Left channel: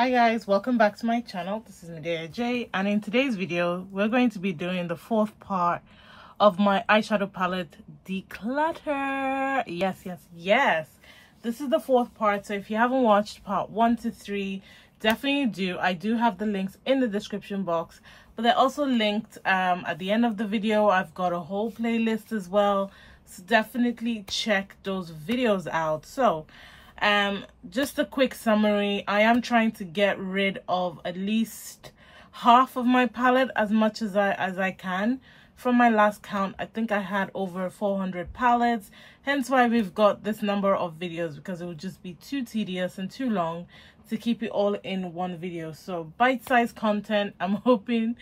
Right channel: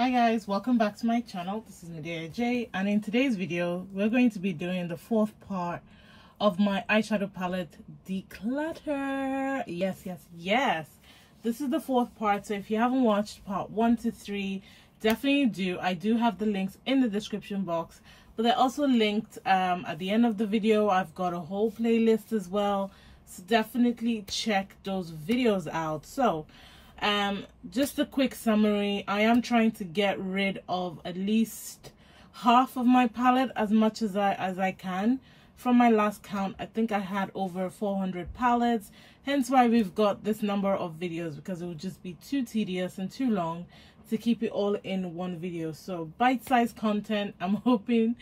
Hi guys, welcome back to my channel. This is Midas, and in today's video we're going to be doing the fourth part of my eyeshadow palette declutter. Yes, this is the fourth part, so if you haven't watched part 1 to 3, definitely do. I do have the links in the description box, but they're also linked at the end of the video. I've got a whole playlist as well, so definitely check those videos out. So just a quick summary. I am trying to get rid of at least half of my palette, as much as I can. From my last count, I think I had over 400 palettes, hence why we've got this number of videos, because it would just be too tedious and too long to keep it all in one video. So bite-sized content, I'm hoping,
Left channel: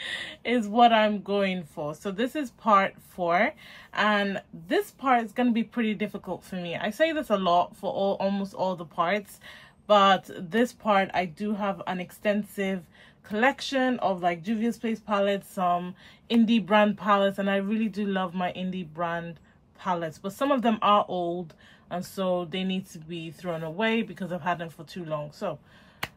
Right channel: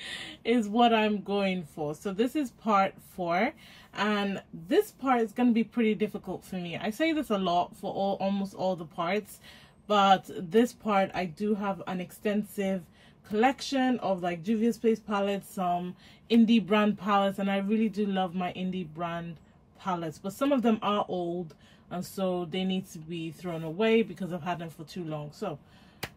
is what I'm going for. So this is part 4, and this part is going to be pretty difficult for me. I say this a lot for almost all the parts, but this part I do have an extensive collection of like Juvia's Place palettes, some indie brand palettes, and I really do love my indie brand palettes, but some of them are old and so they need to be thrown away because I've had them for too long. So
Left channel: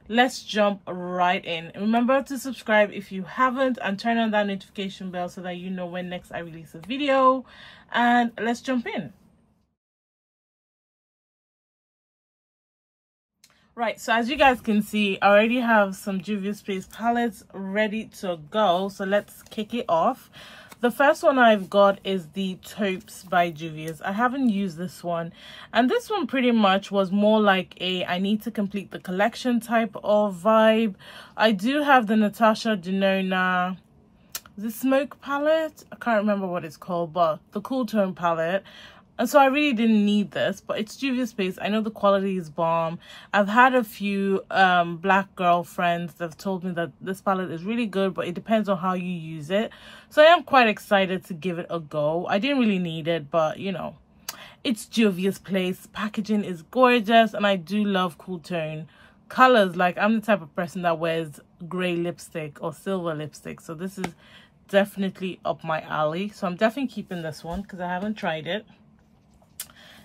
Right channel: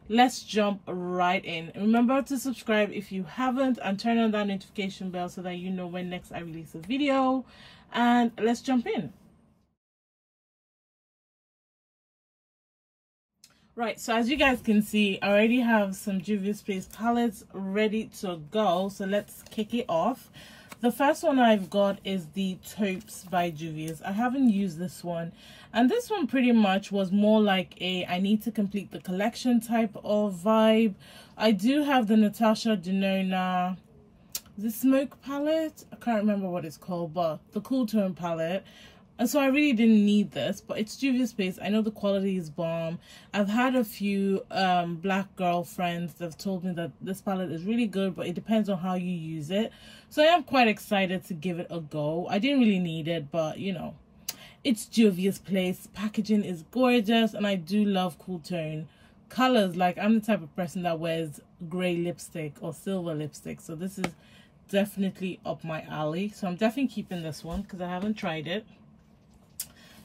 let's jump right in. Remember to subscribe if you haven't, and turn on that notification bell so that you know when next I release a video, and let's jump in. Right, so as you guys can see, I already have some Juvia's Place palettes ready to go, so let's kick it off. The first one I've got is the Taupes by Juvia's. I haven't used this one, and this one pretty much was more like a I need to complete the collection type of vibe. I do have the Natasha Denona, the Smoke palette, I can't remember what it's called, but the Cool Tone palette. And so I really didn't need this, but it's Juvia's Place. I know the quality is bomb. I've had a few black girl friends that have told me that this palette is really good, but it depends on how you use it. So I am quite excited to give it a go. I didn't really need it, but you know, it's Juvia's Place. Packaging is gorgeous, and I do love cool tone colors. Like, I'm the type of person that wears gray lipstick or silver lipstick, so this is definitely up my alley. So I'm definitely keeping this one because I haven't tried it.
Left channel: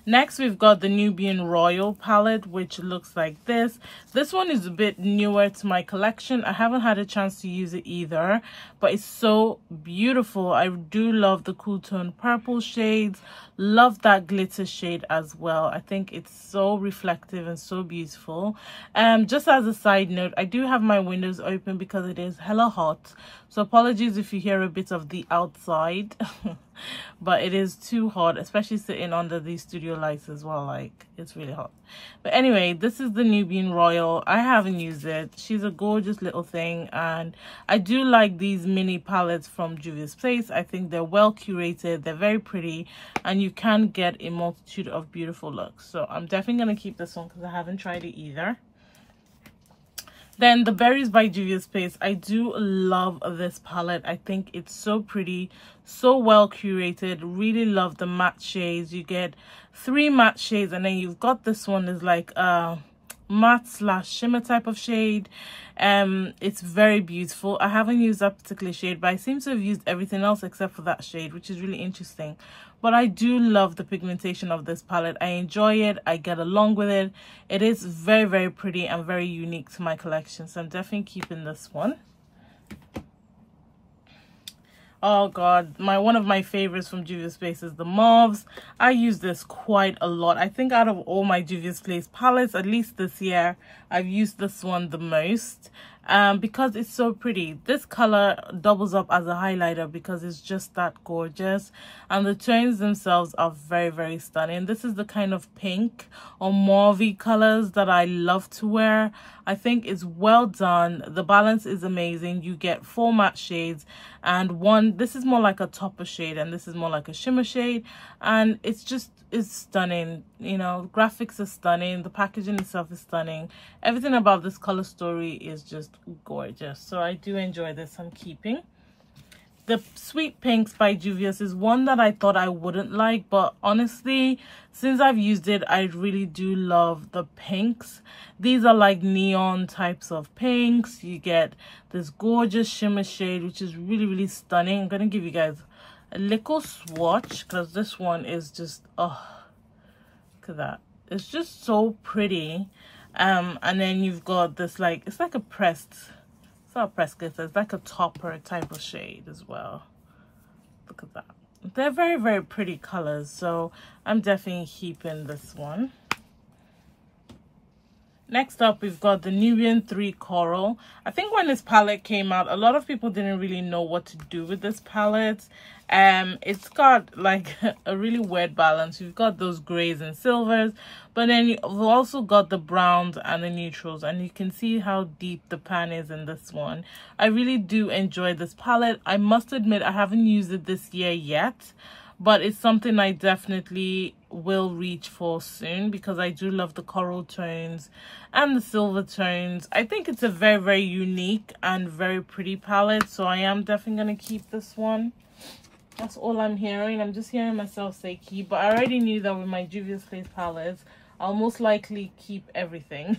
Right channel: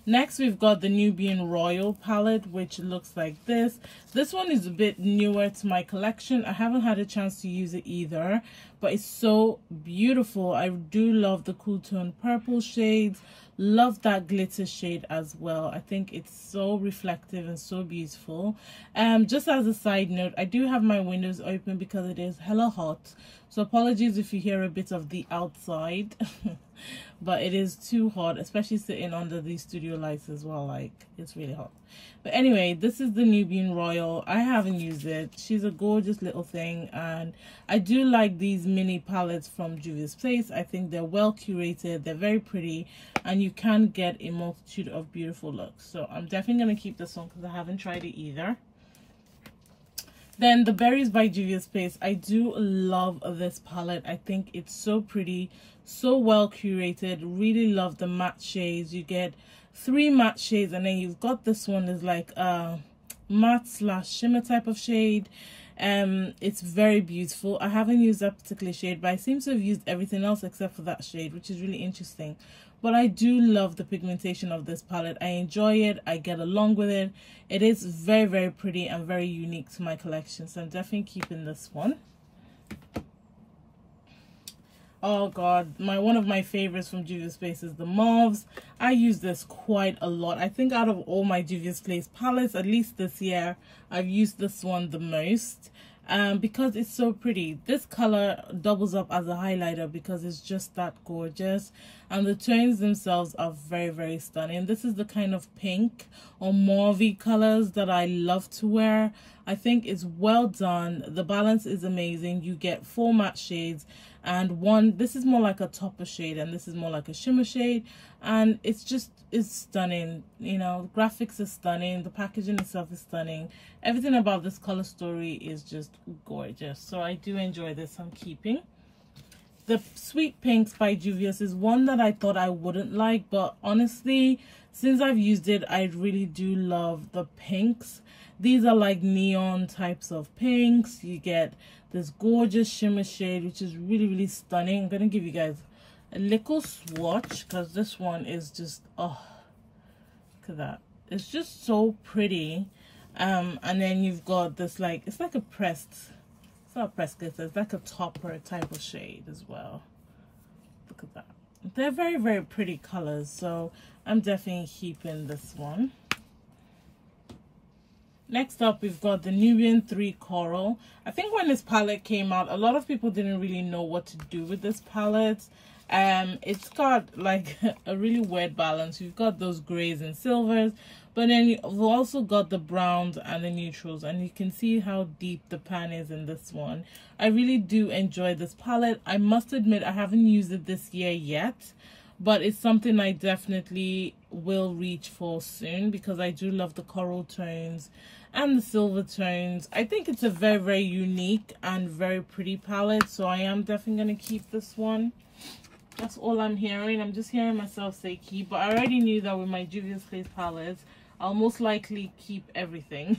Next, we've got the Nubian Royal palette, which looks like this. This one is a bit newer to my collection. I haven't had a chance to use it either, but it's so beautiful. I do love the cool tone purple shades. Love that glitter shade as well. I think it's so reflective and so beautiful. Just as a side note, I do have my windows open because it is hella hot. So apologies if you hear a bit of the outside. But it is too hot, especially sitting under these studio lights as well. Like, it's really hot. But anyway, this is the Nubian Royal. I haven't used it. She's a gorgeous little thing, and I do like these mini palettes from Juvia's Place. I think they're well curated, they're very pretty, and you can get a multitude of beautiful looks. So I'm definitely going to keep this one because I haven't tried it either. Then the Berries by Juvia's Place. I do love this palette. I think it's so pretty, so well curated. Really love the matte shades. You get 3 matte shades, and then you've got this one is like a matte slash shimmer type of shade. It's very beautiful. I haven't used that particular shade, but I seem to have used everything else except for that shade, which is really interesting. But I do love the pigmentation of this palette. I enjoy it. I get along with it. It is very, very pretty and very unique to my collection, so I'm definitely keeping this one. Oh god, one of my favorites from Juvia's Place is the Mauves. I use this quite a lot. I think out of all my Juvia's Place palettes, at least this year, I've used this one the most. Because it's so pretty. This color doubles up as a highlighter because it's just that gorgeous, and the tones themselves are very, very stunning. This is the kind of pink or mauvey colors that I love to wear. I think it's well done. The balance is amazing. You get 4 matte shades, and this is more like a topper shade, and this is more like a shimmer shade, and it's stunning. You know, graphics are stunning, the packaging itself is stunning. Everything about this color story is just gorgeous, so I do enjoy this. I'm keeping the Sweet Pinks by Juvia's. Is one that I thought I wouldn't like, but honestly, since I've used it, I really do love the pinks. These are like neon types of pinks. You get this gorgeous shimmer shade, which is really, really stunning. I'm gonna give you guys a little swatch because this one is just, oh, look at that. It's just so pretty. And then you've got this, like, it's like a pressed, it's not a pressed glitter, it's like a topper type of shade as well. Look at that. They're very, very pretty colors, so I'm definitely keeping this one. Next up, we've got the Nubian 3 Coral. I think when this palette came out, a lot of people didn't really know what to do with this palette. It's got like a really weird balance. You've got those grays and silvers, but then you've also got the browns and the neutrals, and you can see how deep the pan is in this one. I really do enjoy this palette. I must admit I haven't used it this year yet, but it's something I definitely will reach for soon because I do love the coral tones and the silver tones. I think it's a very, very unique and very pretty palette, so I am definitely going to keep this one. That's all I'm hearing. I'm just hearing myself say keep, but I already knew that with my Juvia's Place palettes, I'll most likely keep everything.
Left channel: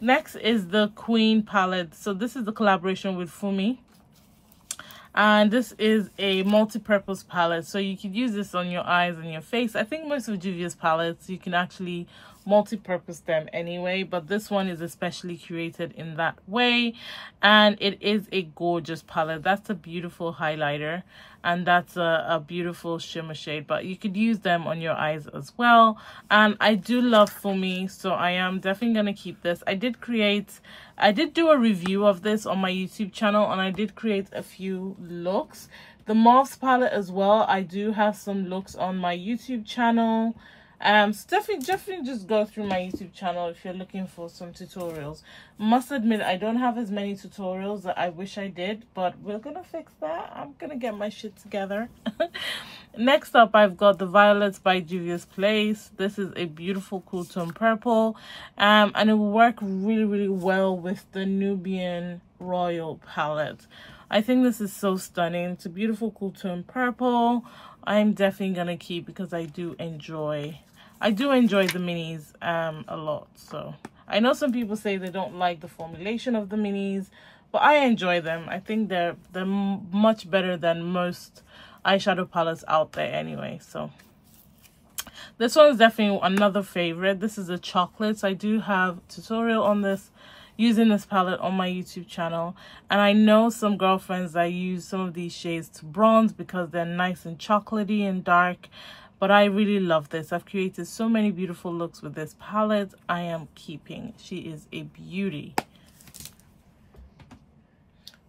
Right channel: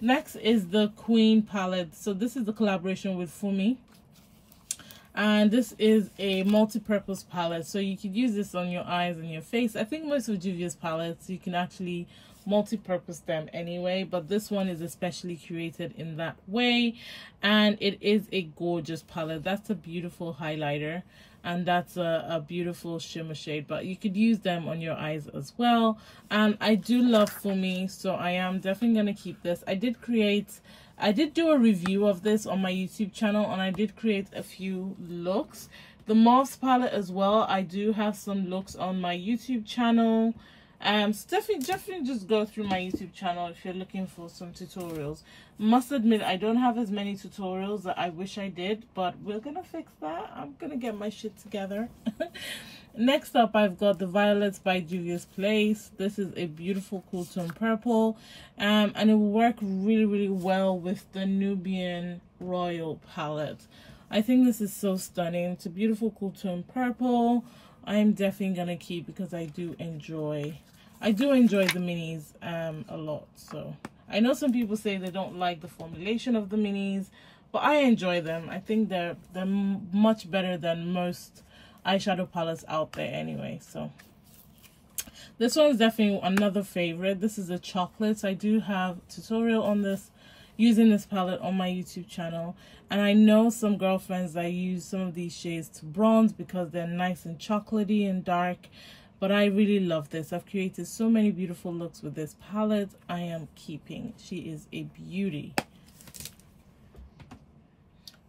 Next is the Queen palette. So this is the collaboration with Fumi. And this is a multi-purpose palette, so you could use this on your eyes and your face. I think most of Juvia's palettes you can actually multi-purpose them anyway, but this one is especially curated in that way, and it is a gorgeous palette. That's a beautiful highlighter, and that's a beautiful shimmer shade, but you could use them on your eyes as well. And I do love Fumi, so I am definitely gonna keep this. I did do a review of this on my YouTube channel, and I did create a few looks. The Moss palette as well, I do have some looks on my YouTube channel. So definitely just go through my YouTube channel if you're looking for some tutorials. Must admit, I don't have as many tutorials that I wish I did, but we're gonna fix that. I'm gonna get my shit together. Next up, I've got the Violets by Juvia's Place. This is a beautiful cool tone purple, and it will work really, really well with the Nubian Royal palette. I think this is so stunning. It's a beautiful cool tone purple. I'm definitely gonna keep because I do enjoy the minis a lot. So I know some people say they don't like the formulation of the minis, but I enjoy them. I think they're much better than most eyeshadow palettes out there anyway. So this one is definitely another favorite. This is the chocolates. I do have a tutorial on this, using this palette on my YouTube channel, and I know some girlfriends that use some of these shades to bronze because they're nice and chocolatey and dark, but I really love this. I've created so many beautiful looks with this palette. I am keeping. She is a beauty.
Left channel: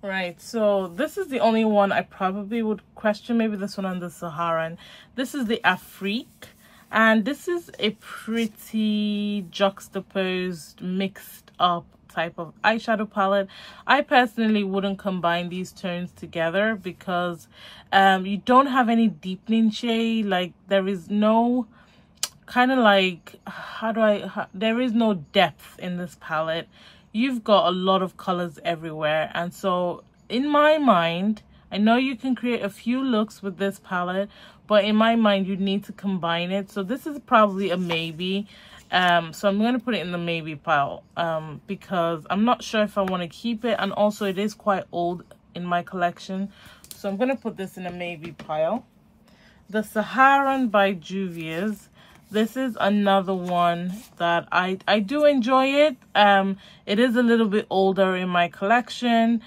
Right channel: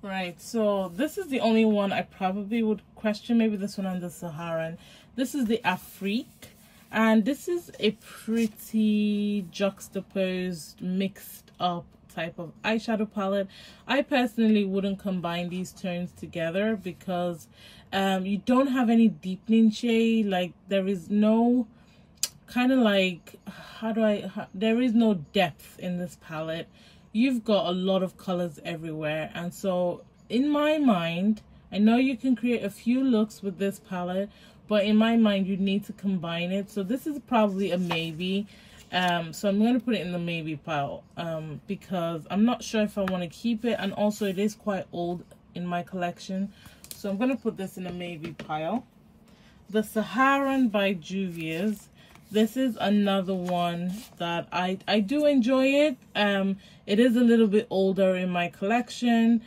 All right, so this is the only one I probably would question, maybe this one on the Saharan. This is the Afrique, and this is a pretty juxtaposed, mixed up type of eyeshadow palette. I personally wouldn't combine these tones together because you don't have any deepening shade. Like, there is no kind of like, there is no depth in this palette. You've got a lot of colors everywhere, and so in my mind, I know you can create a few looks with this palette, but in my mind you need to combine it. So this is probably a maybe. So I'm going to put it in the maybe pile because I'm not sure if I want to keep it, and also it is quite old in my collection, so I'm going to put this in a maybe pile. The Saharan by Juvia's. This is another one that I do enjoy it. It is a little bit older in my collection,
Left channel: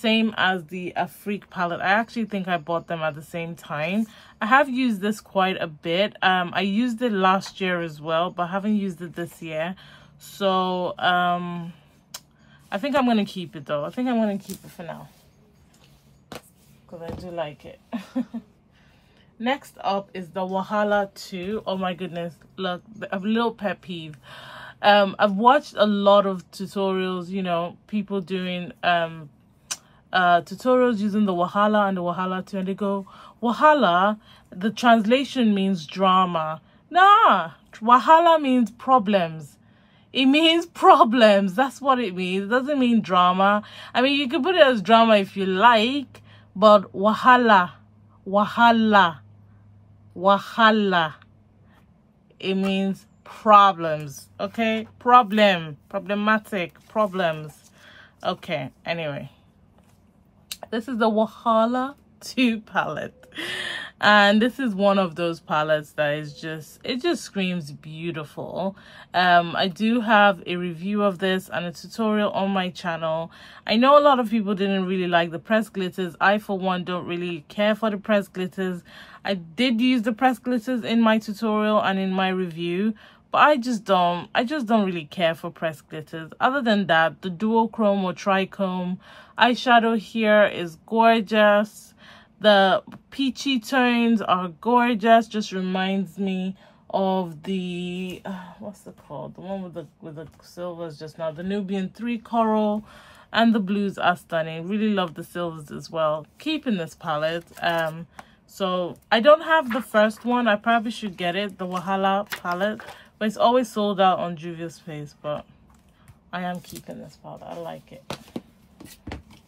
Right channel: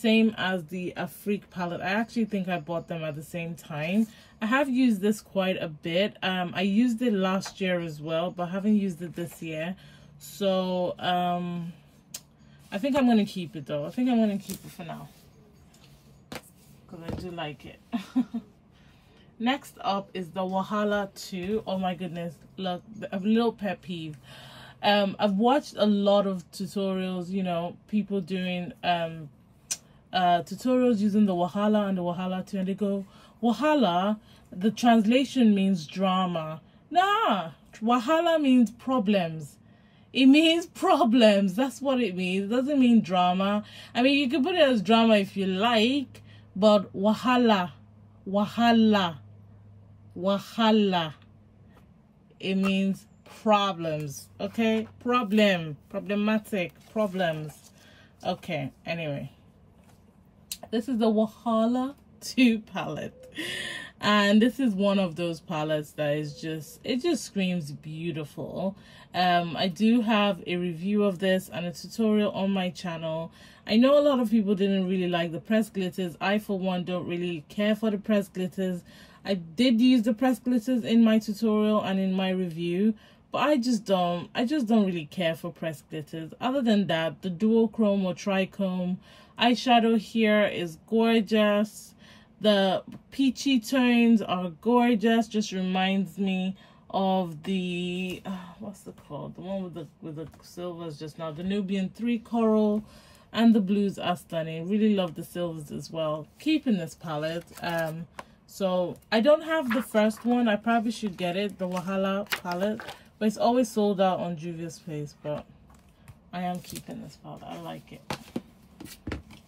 same as the Afrique palette. I actually think I bought them at the same time. I have used this quite a bit. I used it last year as well, but I haven't used it this year. So I think I'm going to keep it though. I think I'm going to keep it for now because I do like it. Next up is the Wahala 2. Oh my goodness, look, a little pet peeve. I've watched a lot of tutorials, you know, people doing tutorials using the Wahala and the Wahala 2, and they go, Wahala, the translation means drama. Nah, Wahala means problems. It means problems. That's what it means. It doesn't mean drama. I mean, you can put it as drama if you like, but Wahala, it means problems. Okay, problematic, problems. Okay, anyway, this is the Wahala 2 palette, And this is one of those palettes that is just, it just screams beautiful. I do have a review of this and a tutorial on my channel. I know a lot of people didn't really like the pressed glitters. I for one don't really care for the pressed glitters. I did use the pressed glitters in my tutorial and in my review, but I just don't really care for pressed glitters. Other than that, the duochrome or trichrome eyeshadow here is gorgeous. The peachy tones are gorgeous. Just reminds me of the what's it called, the one with the silvers just now, the Nubian 3 coral, and the blues are stunning. Really love the silvers as well. Keeping this palette. So I don't have the first one. I probably should get it, the Wahala palette, but it's always sold out on Juvia's Place. But I am keeping this palette. I like it.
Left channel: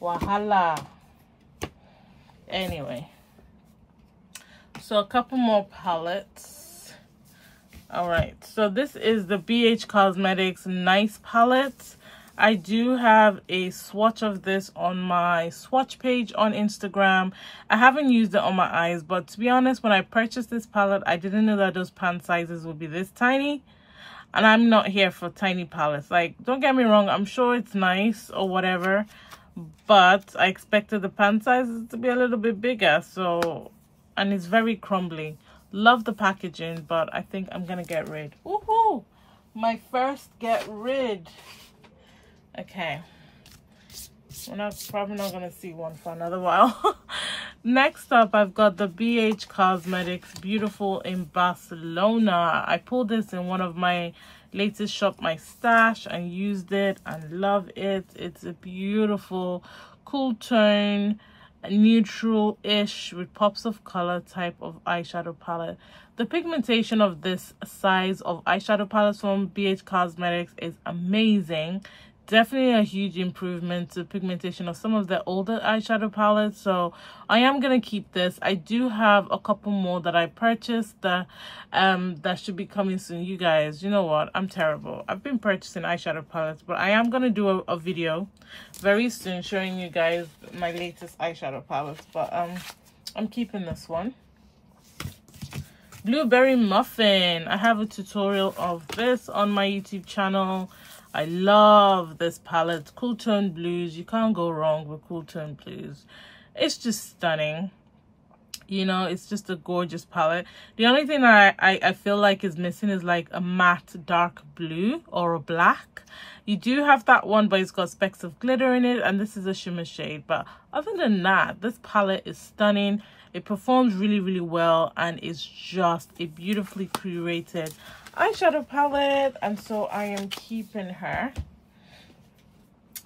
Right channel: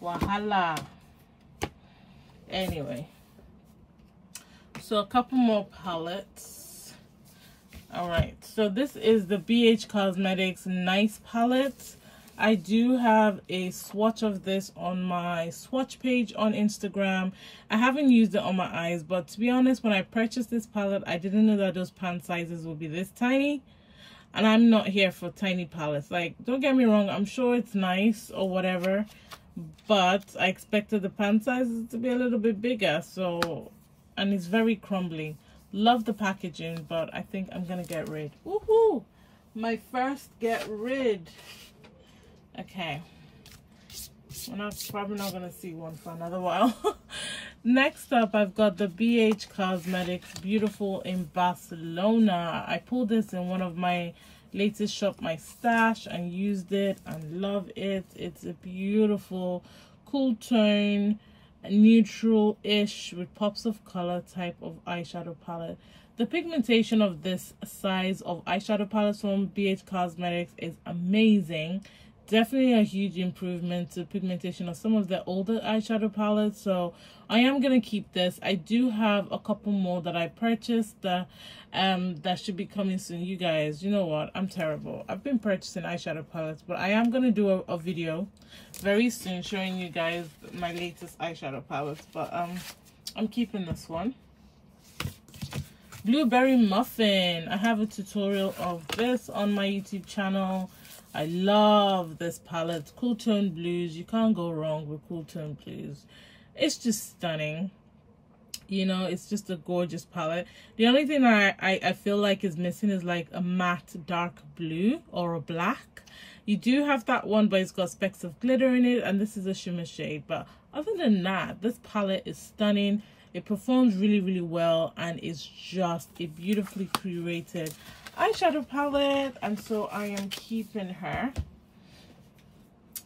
Wahala. Anyway, so a couple more palettes. All right, so this is the BH Cosmetics Nice palette. I do have a swatch of this on my swatch page on Instagram. I haven't used it on my eyes, but to be honest, when I purchased this palette, I didn't know that those pan sizes would be this tiny. And I'm not here for tiny palettes. Like, don't get me wrong, I'm sure it's nice or whatever, but I expected the pan sizes to be a little bit bigger. So, and it's very crumbly. Love the packaging, but I think I'm gonna get rid. Woohoo! My first get rid. Okay, we're probably not gonna see one for another while. Next up, I've got the BH Cosmetics Beautiful in Barcelona. I pulled this in one of my latest Shop My Stash and used it and love it. It's a beautiful cool tone, neutral-ish with pops of color type of eyeshadow palette. The pigmentation of this size of eyeshadow palettes from BH Cosmetics is amazing. Definitely a huge improvement to pigmentation of some of the older eyeshadow palettes. So I am gonna keep this. I do have a couple more that I purchased that should be coming soon. You guys, you know what, I'm terrible. I've been purchasing eyeshadow palettes, but I am gonna do a video very soon showing you guys my latest eyeshadow palettes. But I'm keeping this one. Blueberry Muffin. I have a tutorial of this on my YouTube channel. I love this palette. Cool tone blues. You can't go wrong with cool tone blues. It's just stunning. You know, it's just a gorgeous palette. The only thing I feel like is missing is like a matte dark blue or a black. You do have that one, but it's got specks of glitter in it, and this is a shimmer shade. But other than that, this palette is stunning. It performs really, really well, and it's just a beautifully curated eyeshadow palette, and so I am keeping her.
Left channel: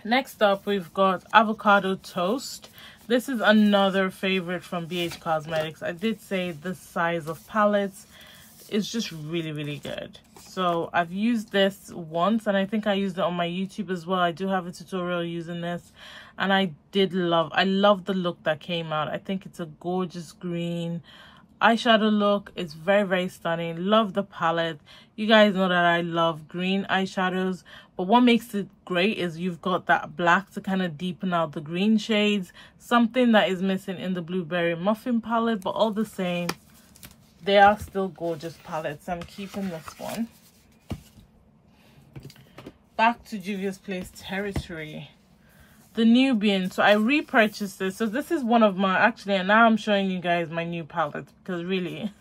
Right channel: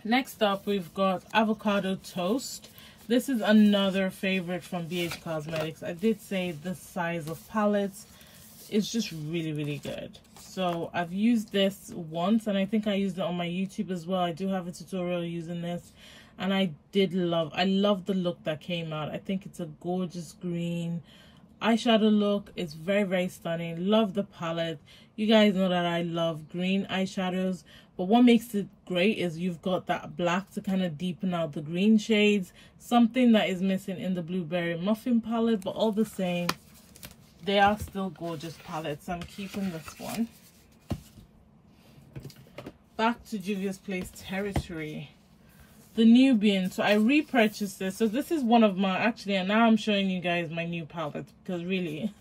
Next up, we've got Avocado Toast. This is another favorite from BH Cosmetics. I did say this size of palettes is just really, really good. So I've used this once, and I think I used it on my YouTube as well. I do have a tutorial using this, and I love the look that came out. I think it's a gorgeous green eyeshadow look. It's very, very stunning. Love the palette. You guys know that I love green eyeshadows, but what makes it great is you've got that black to kind of deepen out the green shades, something that is missing in the Blueberry Muffin palette. But all the same, they are still gorgeous palettes. I'm keeping this one. Back to Juvia's Place territory. The Nubian. So I repurchased this. So this is one of my, actually, and now I'm showing you guys my new palettes, because really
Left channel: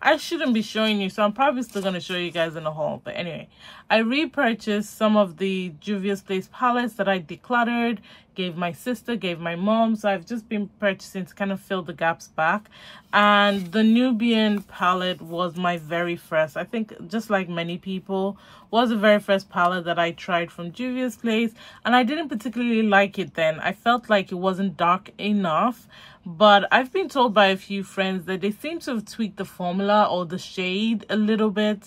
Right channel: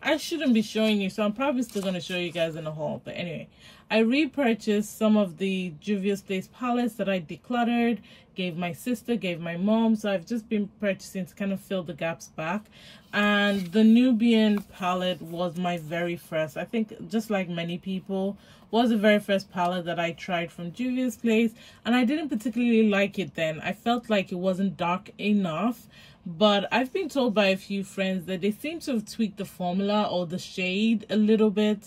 I shouldn't be showing you, so I'm probably still going to show you guys in a haul. But anyway, I repurchased some of the Juvia's Place palettes that I decluttered, gave my sister, gave my mom. So I've just been purchasing to kind of fill the gaps back. And the Nubian palette was my very first, I think, just like many people, was the very first palette that I tried from Juvia's Place, and I didn't particularly like it then. I felt like it wasn't dark enough, but I've been told by a few friends that they seem to have tweaked the formula or the shade a little bit.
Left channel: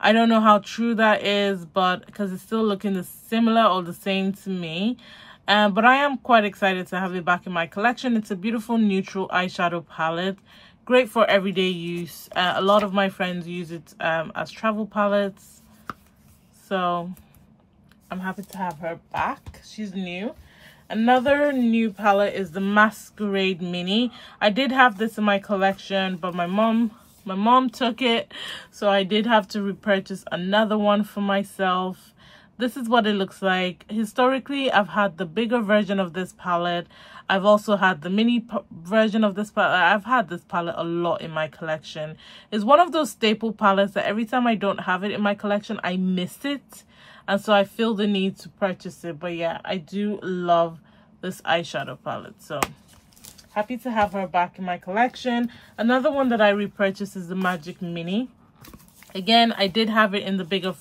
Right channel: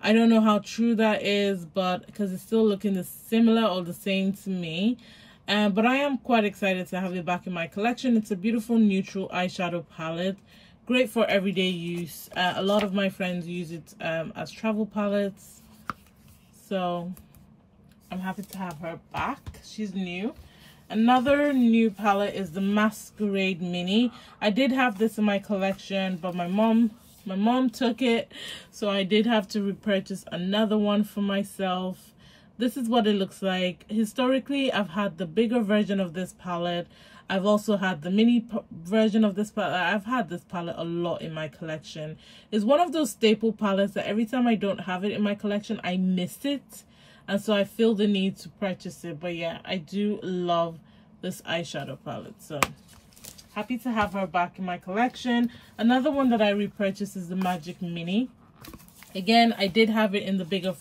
I don't know how true that is, but because it's still looking similar or the same to me. But I am quite excited to have it back in my collection. It's a beautiful neutral eyeshadow palette, great for everyday use. A lot of my friends use it as travel palettes. So I'm happy to have her back. She's new. Another new palette is the Masquerade Mini. I did have this in my collection, but my mom took it, so I did have to repurchase another one for myself. This is what it looks like. Historically, I've had the bigger version of this palette. I've also had the mini version of this palette. I've had this palette a lot in my collection. It's one of those staple palettes that every time I don't have it in my collection, I miss it. And so I feel the need to purchase it. But yeah, I do love this eyeshadow palette. So happy to have her back in my collection. Another one that I repurchased is the Magic Mini. Again, I did have it in the bigger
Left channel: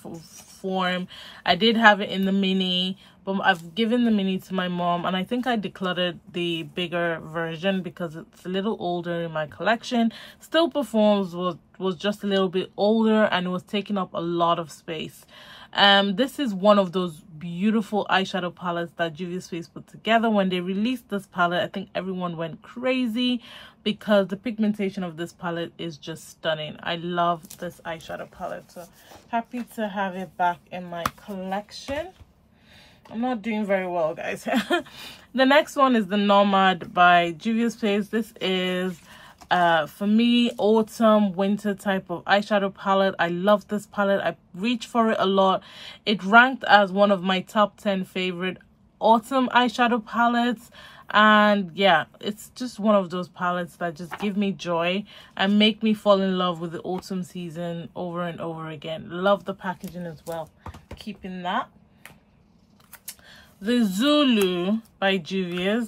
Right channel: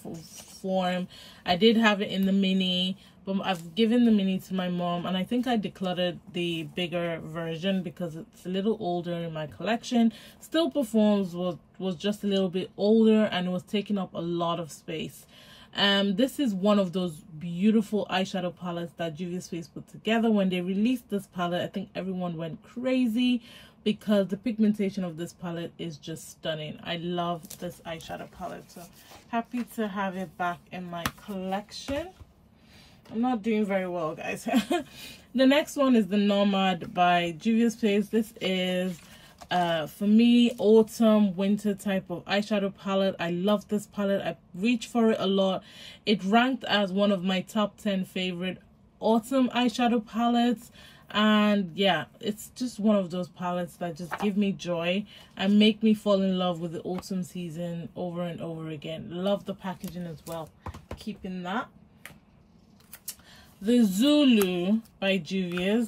form. I did have it in the mini, but I've given the mini to my mom, and I think I decluttered the bigger version because it's a little older in my collection. Still performs, was just a little bit older, and it was taking up a lot of space. This is one of those beautiful eyeshadow palettes that Juvia Space put together. When they released this palette, I think everyone went crazy because the pigmentation of this palette is just stunning. I love this eyeshadow palette, so happy to have it back in my collection. I'm not doing very well, guys. The next one is the Nomad by Juvia Space. This is for me, autumn winter type of eyeshadow palette. I love this palette. I reach for it a lot. It ranked as one of my top 10 favorite autumn eyeshadow palettes, and yeah, it's just one of those palettes that just give me joy and make me fall in love with the autumn season over and over again. Love the packaging as well, keeping that. The Zulu by Juvia's.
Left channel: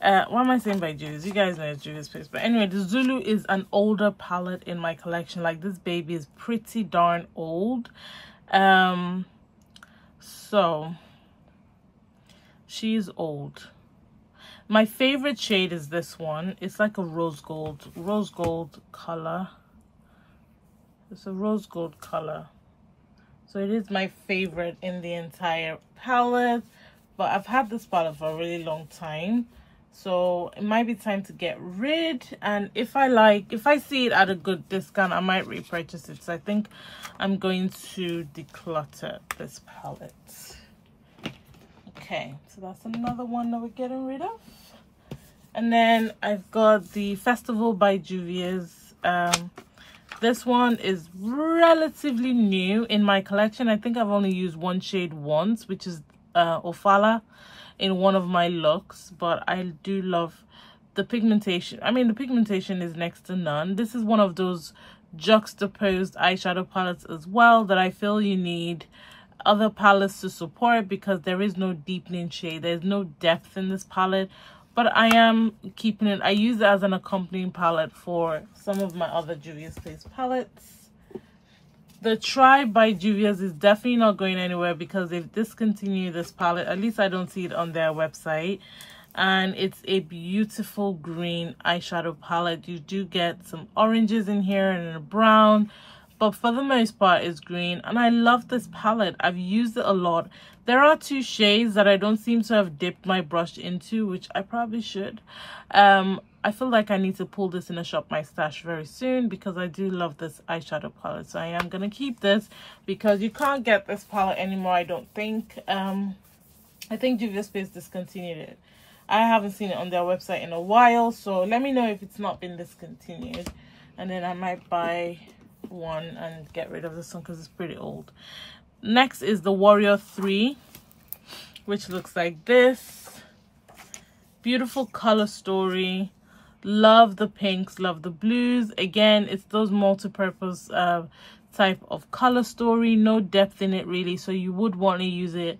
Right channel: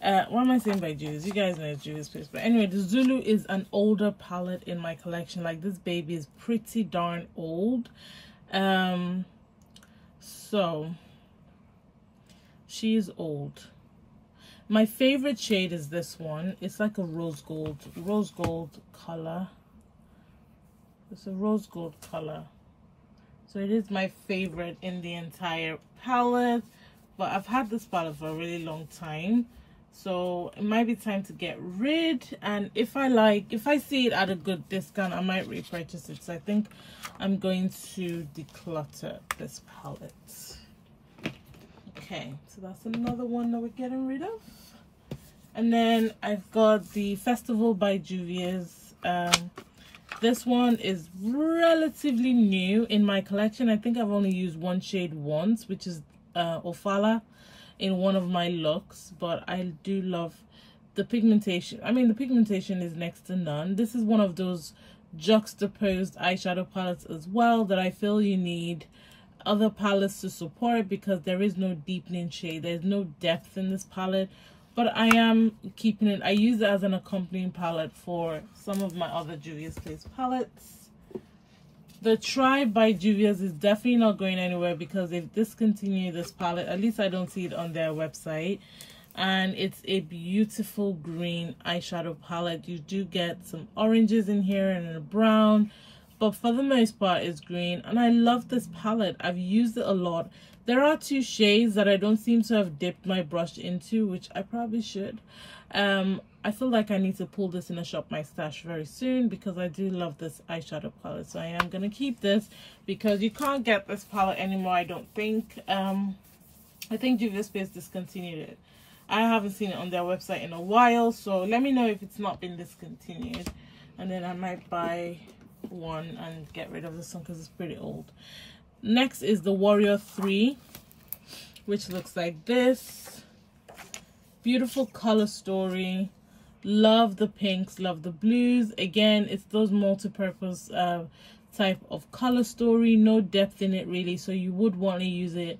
Why am I saying by Juvia's? You guys know it's Juvia's Space. But anyway, the Zulu is an older palette in my collection. Like, this baby is pretty darn old. So she's old. My favorite shade is this one. It's like a rose gold color. It's a rose gold color. So it is my favorite in the entire palette. But I've had this palette for a really long time, so it might be time to get rid. And if I see it at a good discount, I might repurchase it. So I think I'm going to declutter this palette. Okay, so that's another one that we're getting rid of. And then I've got the Festival by Juvia's. This one is relatively new in my collection. I think I've only used one shade once, which is Ofala, in one of my looks, but I do love the pigmentation. I mean, the pigmentation is next to none. This is one of those juxtaposed eyeshadow palettes as well that I feel you need other palettes to support, because there is no deepening shade, there's no depth in this palette. But I am keeping it. I use it as an accompanying palette for some of my other Juvia Space palettes. The Tribe by Juvia's is definitely not going anywhere because they've discontinued this palette. At least I don't see it on their website. And it's a beautiful green eyeshadow palette. You do get some oranges in here and a brown, but for the most part it's green. And I love this palette. I've used it a lot. There are two shades that I don't seem to have dipped my brush into, which I probably should. I feel like I need to pull this in a Shop My Stash very soon because I do love this eyeshadow palette. So I am going to keep this because you can't get this palette anymore, I don't think. I think Juvia Space discontinued it. I haven't seen it on their website in a while, so let me know if it's not been discontinued. And then I might buy one and get rid of this one because it's pretty old. Next is the Warrior 3, which looks like this. Beautiful color story. Love the pinks, love the blues. Again, it's those multi-purpose type of color story. No depth in it really, so you would want to use it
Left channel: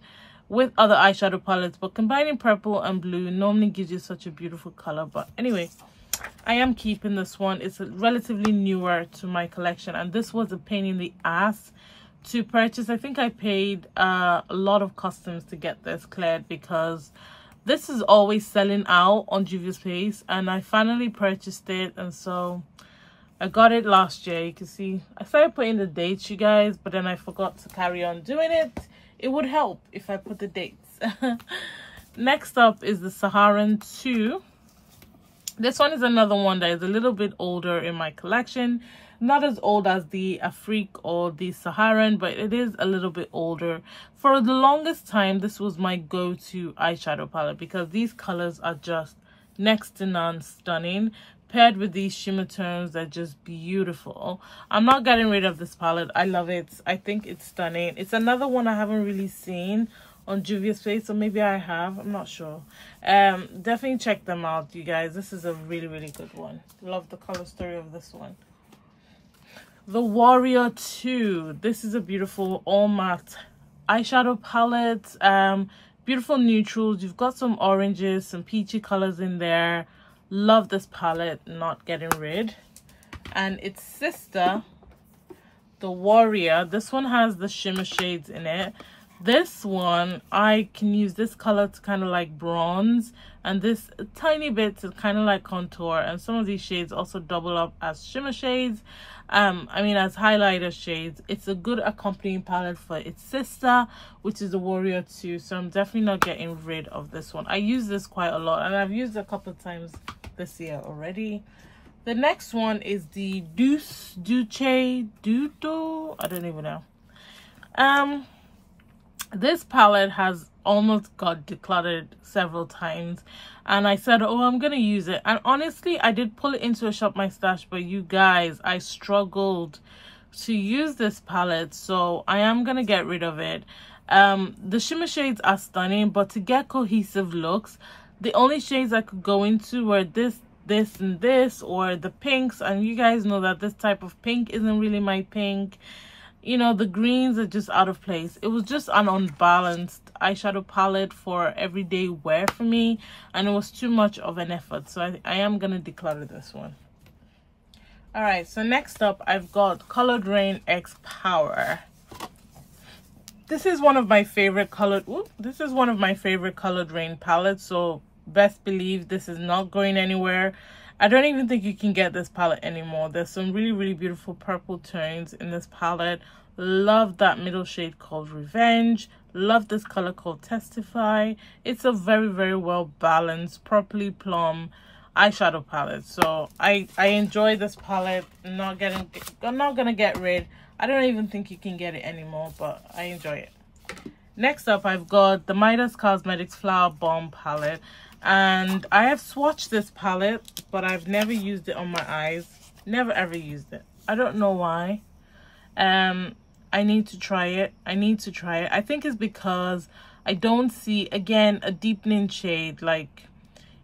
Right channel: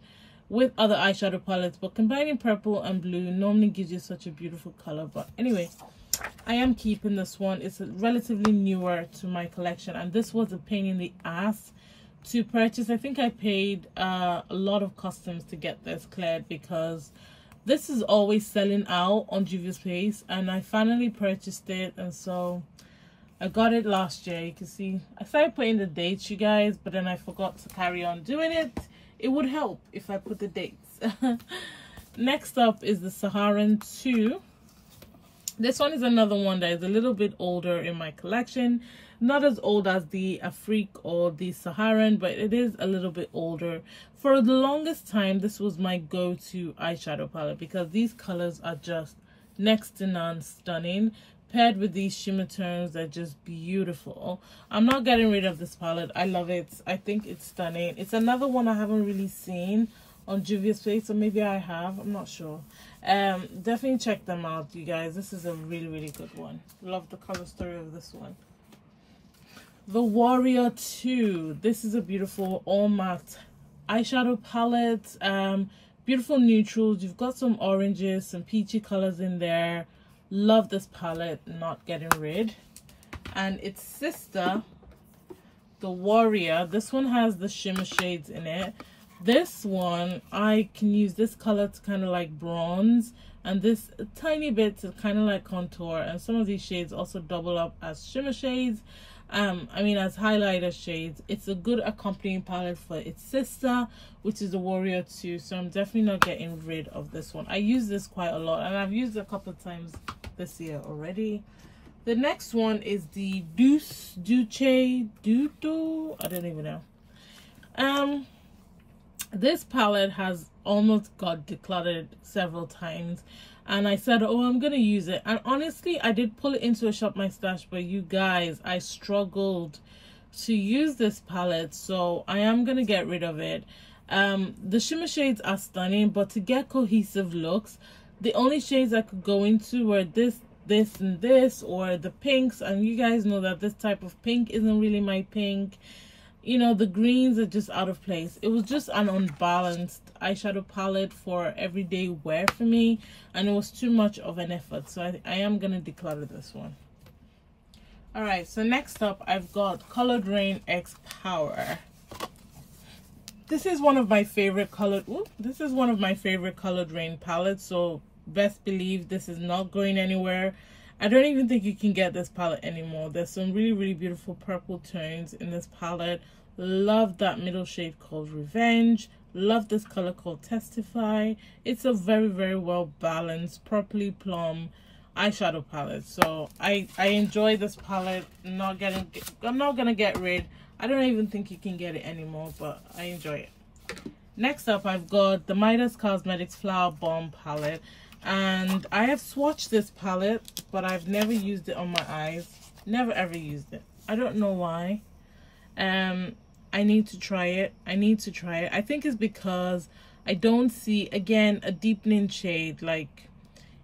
with other eyeshadow palettes, but combining purple and blue normally gives you such a beautiful color. But anyway, I am keeping this one. It's relatively newer to my collection, and this was a pain in the ass to purchase. I think I paid a lot of customs to get this cleared because this is always selling out on Juvia Space, and I finally purchased it. And so I got it last year. You can see I started putting the dates, you guys, but then I forgot to carry on doing it. It would help if I put the dates. Next up is the Saharan 2. This one is another one that is a little bit older in my collection. not as old as the Afrique or the Saharan, but it is a little bit older. For the longest time, this was my go-to eyeshadow palette because these colors are just next to none stunning. Paired with these shimmer tones are just beautiful. I'm not getting rid of this palette. I love it. I think it's stunning. It's another one I haven't really seen on Juvia's face, or maybe I have, I'm not sure. Definitely check them out, you guys. This is a really, really good one. Love the color story of this one. The Warrior 2. This is a beautiful all matte eyeshadow palette. Beautiful neutrals. You've got some oranges, some peachy colors in there. Love this palette, not getting rid. And its sister, the Warrior, this one has the shimmer shades in it. This one, I can use this color to kind of like bronze, and this a tiny bit to kind of like contour, and some of these shades also double up as shimmer shades. I mean as highlighter shades. It's a good accompanying palette for its sister, which is the Warrior 2, so I'm definitely not getting rid of this one. I use this quite a lot, and I've used it a couple of times this year already. The next one is the Duce Duto, I don't even know. This palette has almost got decluttered several times, and I said, oh, I'm gonna use it, and honestly I did pull it into a shop my stash, but you guys, I struggled to use this palette, so I am gonna get rid of it. The shimmer shades are stunning, but to get cohesive looks, the only shades I could go into were this and this, or the pinks, and you guys know that this type of pink isn't really my pink. You know, the greens are just out of place. It was just an unbalanced eyeshadow palette for everyday wear for me, and it was too much of an effort, so I am gonna declutter this one. All right, so next up I've got Colored Raine X Power. This is one of my favorite colored Colored Raine palettes, so best believe this is not going anywhere. I don't even think you can get this palette anymore. There's some really, really beautiful purple tones in this palette. Love that middle shade called Revenge. Love this color called Testify. It's a very, very well balanced, properly plumb eyeshadow palette. So I enjoy this palette. I'm not gonna get rid. I don't even think you can get it anymore, but I enjoy it. Next up, I've got the Midas Cosmetics Flower Bomb palette. And I have swatched this palette, but I've never used it on my eyes. Never ever used it. I don't know why. I need to try it. I think it's because I don't see, again, a deepening shade. Like,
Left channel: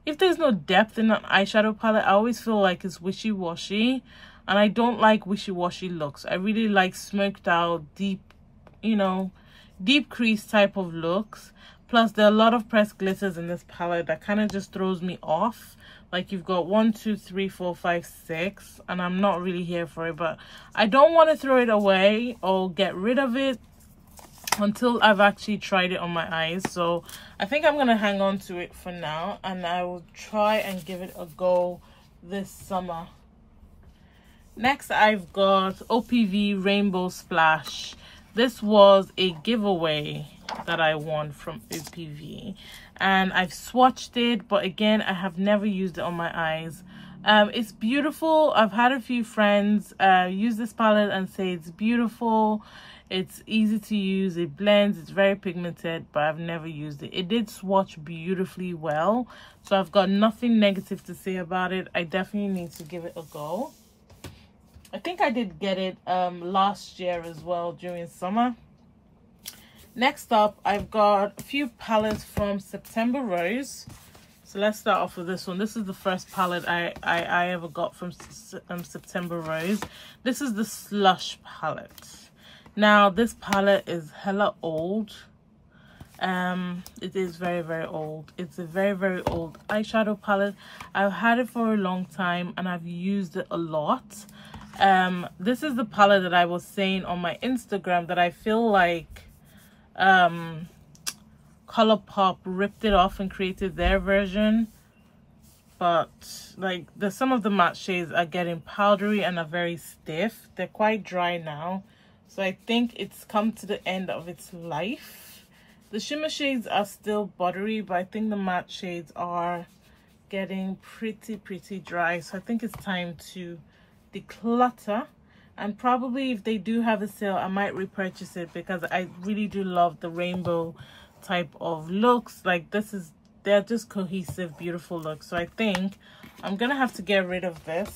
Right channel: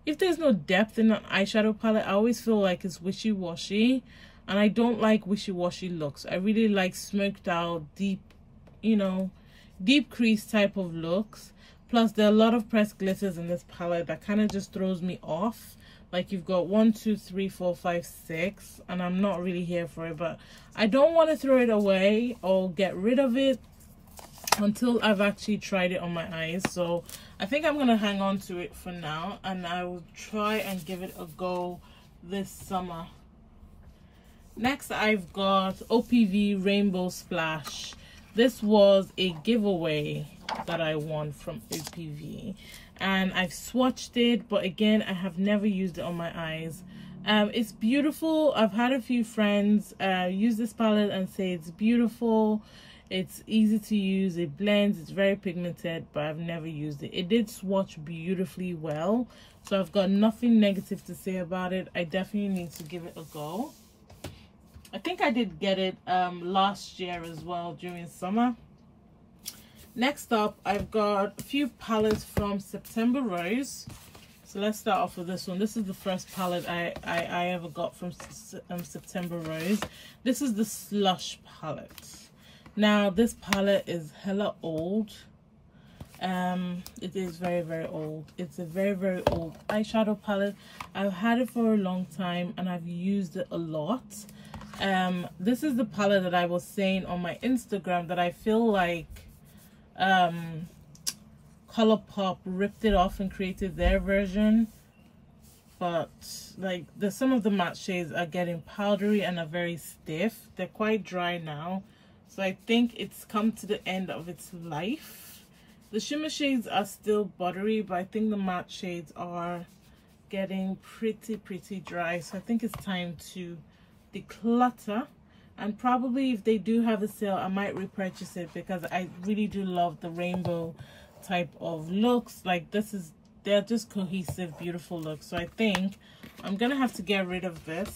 if there's no depth in an eyeshadow palette, I always feel like it's wishy-washy, and I don't like wishy-washy looks. I really like smoked out, deep, you know, deep crease type of looks. Plus, there are a lot of pressed glitters in this palette that kind of just throws me off. Like, you've got 1, 2, 3, 4, 5, 6, and I'm not really here for it. But I don't want to throw it away or get rid of it until I've actually tried it on my eyes. So I think I'm going to hang on to it for now, and I will try and give it a go this summer. Next, I've got OPV Rainbow Splash. This was a giveaway that I won from OPV, and I've swatched it, but again, I have never used it on my eyes. It's beautiful. I've had a few friends use this palette and say it's beautiful. It's easy to use, it blends, it's very pigmented, but I've never used it. It did swatch beautifully well, so I've got nothing negative to say about it. I definitely need to give it a go. I think I did get it last year as well during summer. Next up, I've got a few palettes from September Rose. So let's start off with this one. This is the first palette I ever got from September Rose. This is the Slush palette. Now, this palette is hella old. It is very, very old. It's a very, very old eyeshadow palette. I've had it for a long time and I've used it a lot. This is the palette that I was saying on my Instagram that I feel like ColourPop ripped it off and created their version, but like some of the matte shades are getting powdery and are very stiff. They're quite dry now, so I think it's come to the end of its life. The shimmer shades are still buttery, but I think the matte shades are getting pretty dry, so I think it's time to declutter and probably if they do have a sale, I might repurchase it because I really do love the rainbow type of looks. Like they're just cohesive, beautiful looks. So I think I'm gonna have to get rid of this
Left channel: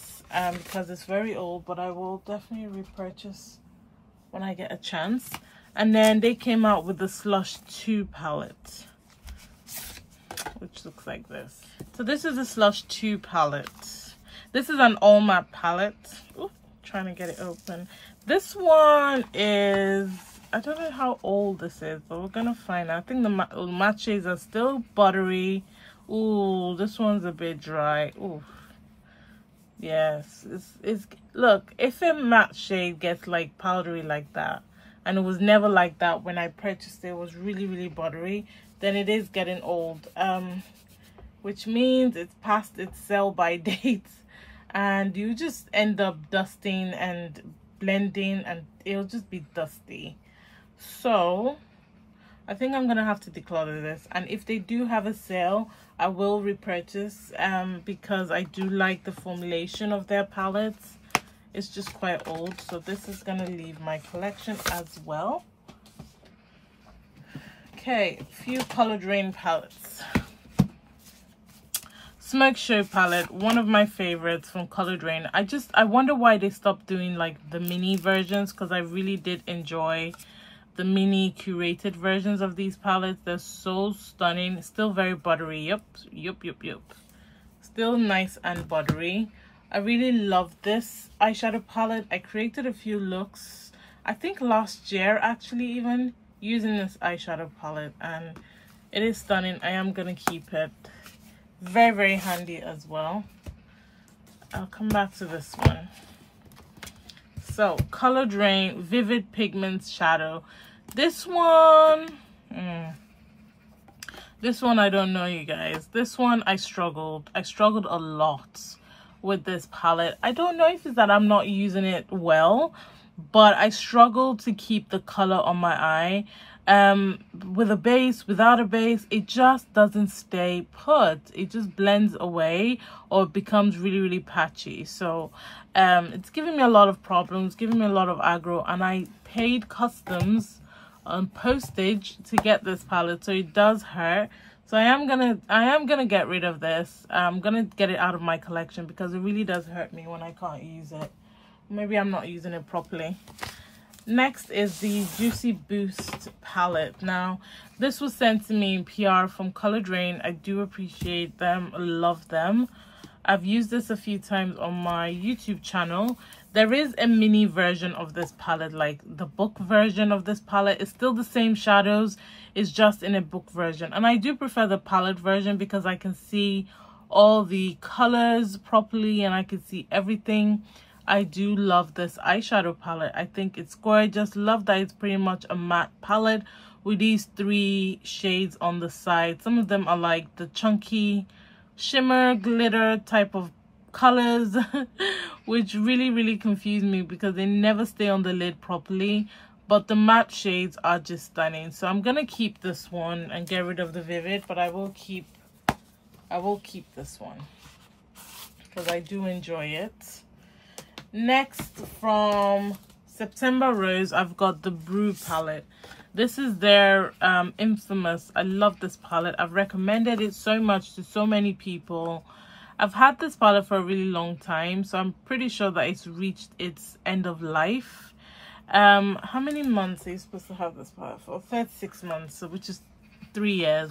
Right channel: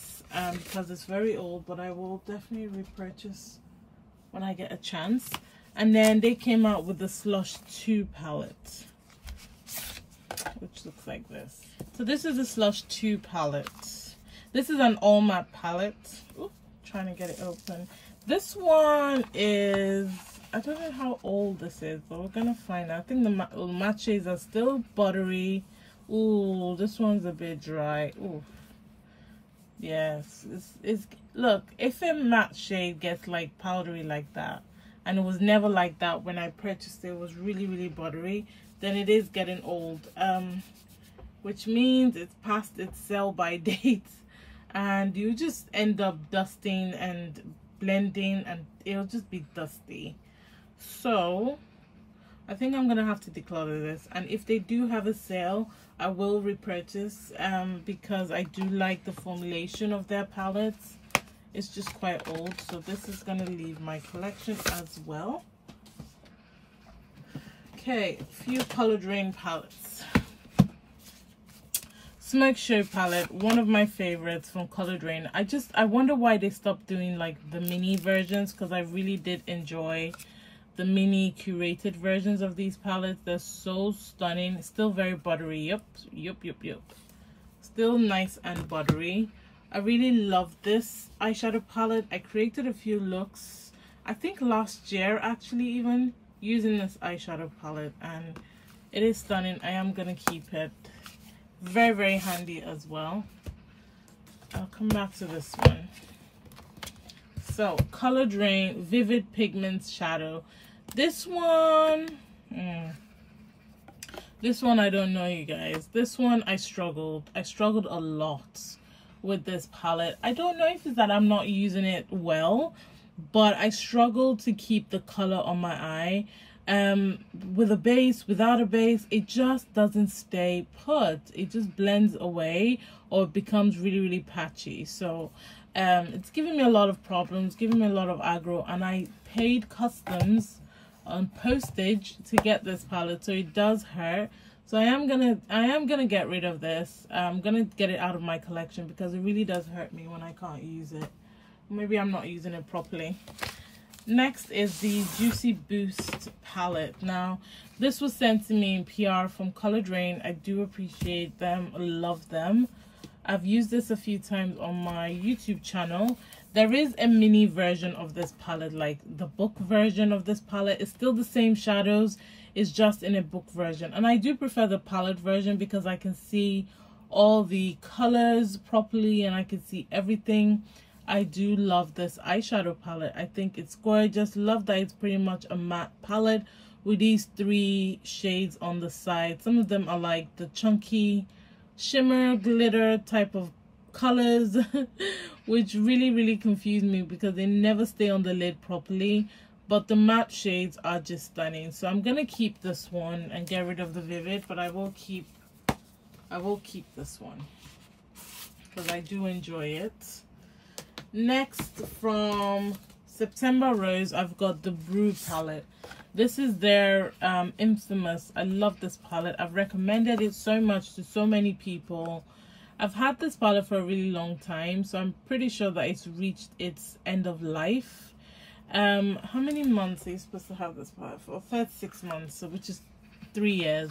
because it's very old, but I will definitely repurchase when I get a chance. And then they came out with the Slush 2 palette, which looks like this. So this is a Slush 2 palette. This is an all matte palette. Ooh, trying to get it open. This one is, I don't know how old this is, but we're gonna find out. I think the matte shades are still buttery. Ooh, this one's a bit dry. Ooh, yes, it's look, if a matte shade gets like powdery like that, and it was never like that when I purchased it, it was really buttery, then it is getting old, which means it's past its sell by date, and you just end up dusting and blending and it'll just be dusty. So I think I'm gonna have to declutter this, and if they do have a sale, I will repurchase because I do like the formulation of their palettes. It's just quite old, so this is gonna leave my collection as well. Okay, a few colored Raine palettes. Smoke Show palette, one of my favorites from Colored Raine. I wonder why they stopped doing like the mini versions, because I really did enjoy the mini curated versions of these palettes. They're so stunning. Still very buttery. Yup. Still nice and buttery. I really love this eyeshadow palette. I created a few looks, I think last year actually, even using this eyeshadow palette, and it is stunning. I am gonna keep it. Very handy as well. I'll come back to this one. So Colored Raine Vivid Pigments Shadow. This one I don't know, you guys. This one I struggled a lot with this palette. I don't know if it's that I'm not using it well, but I struggle to keep the color on my eye. With a base, without a base, it just doesn't stay put. It just blends away, or it becomes really patchy. So it's giving me a lot of problems, giving me a lot of aggro, and I paid customs on postage to get this palette, so it does hurt. So I am gonna get rid of this. I'm gonna get it out of my collection because it really does hurt me when I can't use it. Maybe I'm not using it properly. Next is the Juicy Boost palette. Now, this was sent to me in PR from Colored Raine. I do appreciate them, love them. I've used this a few times on my YouTube channel. There is a mini version of this palette, like the book version of this palette. It's still the same shadows, it's just in a book version. And I do prefer the palette version because I can see all the colors properly and I can see everything. I do love this eyeshadow palette. I think it's gorgeous. Love that it's pretty much a matte palette with these 3 shades on the side. Some of them are like the chunky shimmer glitter type of colors which really confuse me because they never stay on the lid properly, but the matte shades are just stunning. So I'm gonna keep this one and get rid of the vivid, but I will keep this one because I do enjoy it. Next, from September Rose, I've got the Brew palette. This is their infamous, I love this palette. I've recommended it so much to so many people. I've had this palette for a really long time, so I'm pretty sure that it's reached its end of life. How many months are you supposed to have this palette for? 36 months, so which is 3 years.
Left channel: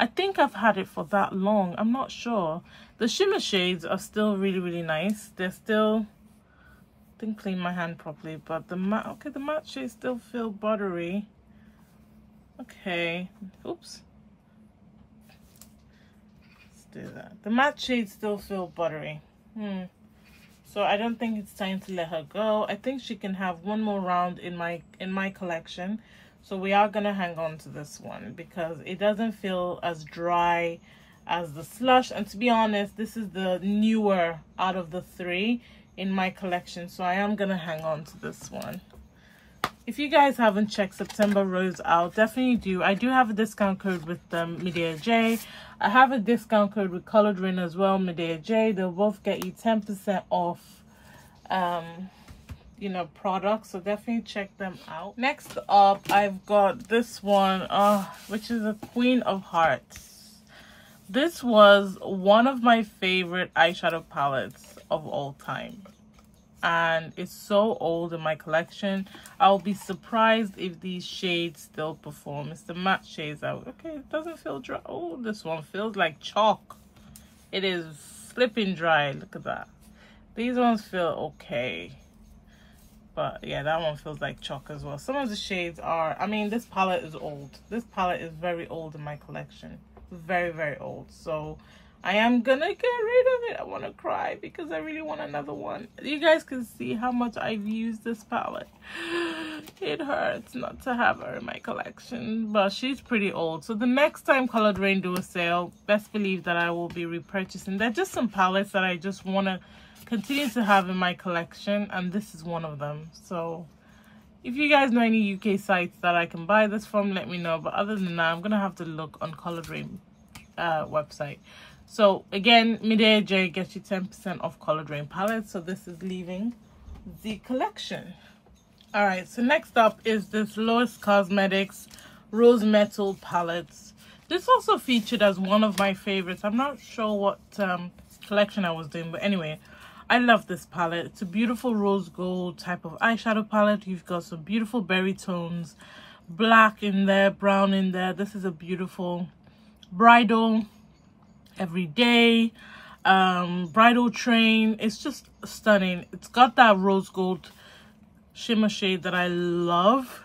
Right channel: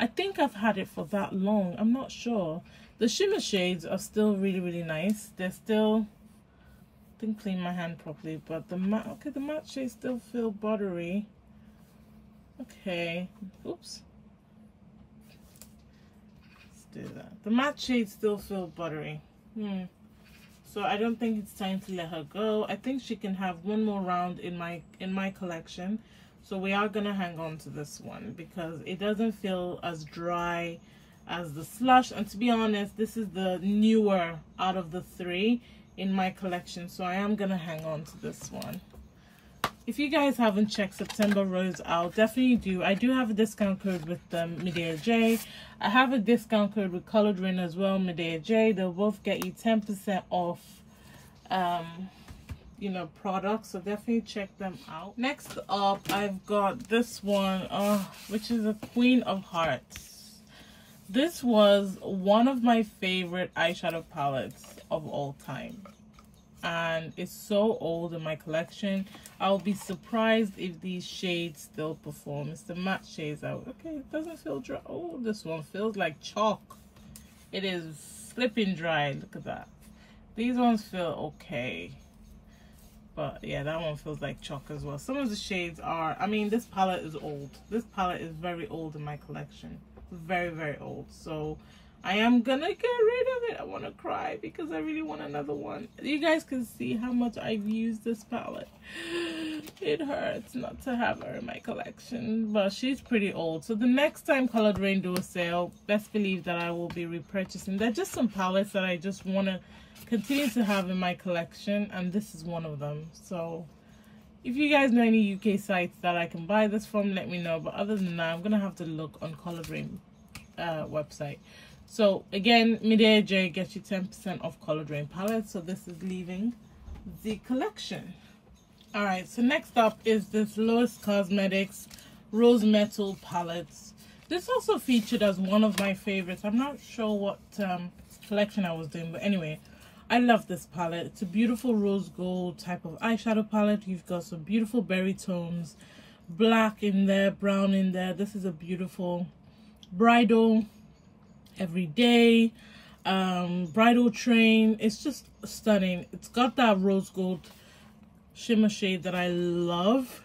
I think I've had it for that long. I'm not sure. The shimmer shades are still really nice. They're still, didn't clean my hand properly, but the matte, okay, the matte shades still feel buttery. Okay, oops. Let's do that. The matte shades still feel buttery. So I don't think it's time to let her go. I think she can have one more round in my collection. So we are gonna hang on to this one because it doesn't feel as dry as the Slush, and to be honest, this is the newer out of the 3 in my collection, so I am gonna hang on to this one. If you guys haven't checked September Rose out, definitely do. I do have a discount code with Medea J. I have a discount code with Colored Raine as well, Medea J. They'll both get you 10% off you know, products, so definitely check them out. Next up, I've got this one, which is a Queen of Hearts. This was one of my favorite eyeshadow palettes of all time, and it's so old in my collection. I'll be surprised if these shades still perform. It's the matte shades out. Okay, it doesn't feel dry. Oh, this one feels like chalk. It is flipping dry. Look at that. These ones feel okay, but yeah, that one feels like chalk as well. Some of the shades are, I mean, this palette is old. This palette is very old in my collection. Very, very old. So I am gonna get rid of it. I want to cry because I really want another one. You guys can see how much I've used this palette. It hurts not to have her in my collection, but she's pretty old. So the next time Colored Raine do a sale, best believe that I will be repurchasing. They're just some palettes that I just want to continue to have in my collection, and this is one of them. So if you guys know any UK sites that I can buy this from, let me know. But other than that, I'm gonna have to look on Colored Raine website. So again, Midas J gets you 10% off Colored Raine palettes. So this is leaving the collection. All right, so next up is this Lois Cosmetics Rose Metal palettes. This also featured as one of my favorites. I'm not sure what collection I was doing, but anyway, I love this palette. It's a beautiful rose gold type of eyeshadow palette. You've got some beautiful berry tones, black in there, brown in there. This is a beautiful bridal, everyday, bridal train. It's just stunning. It's got that rose gold shimmer shade that I love.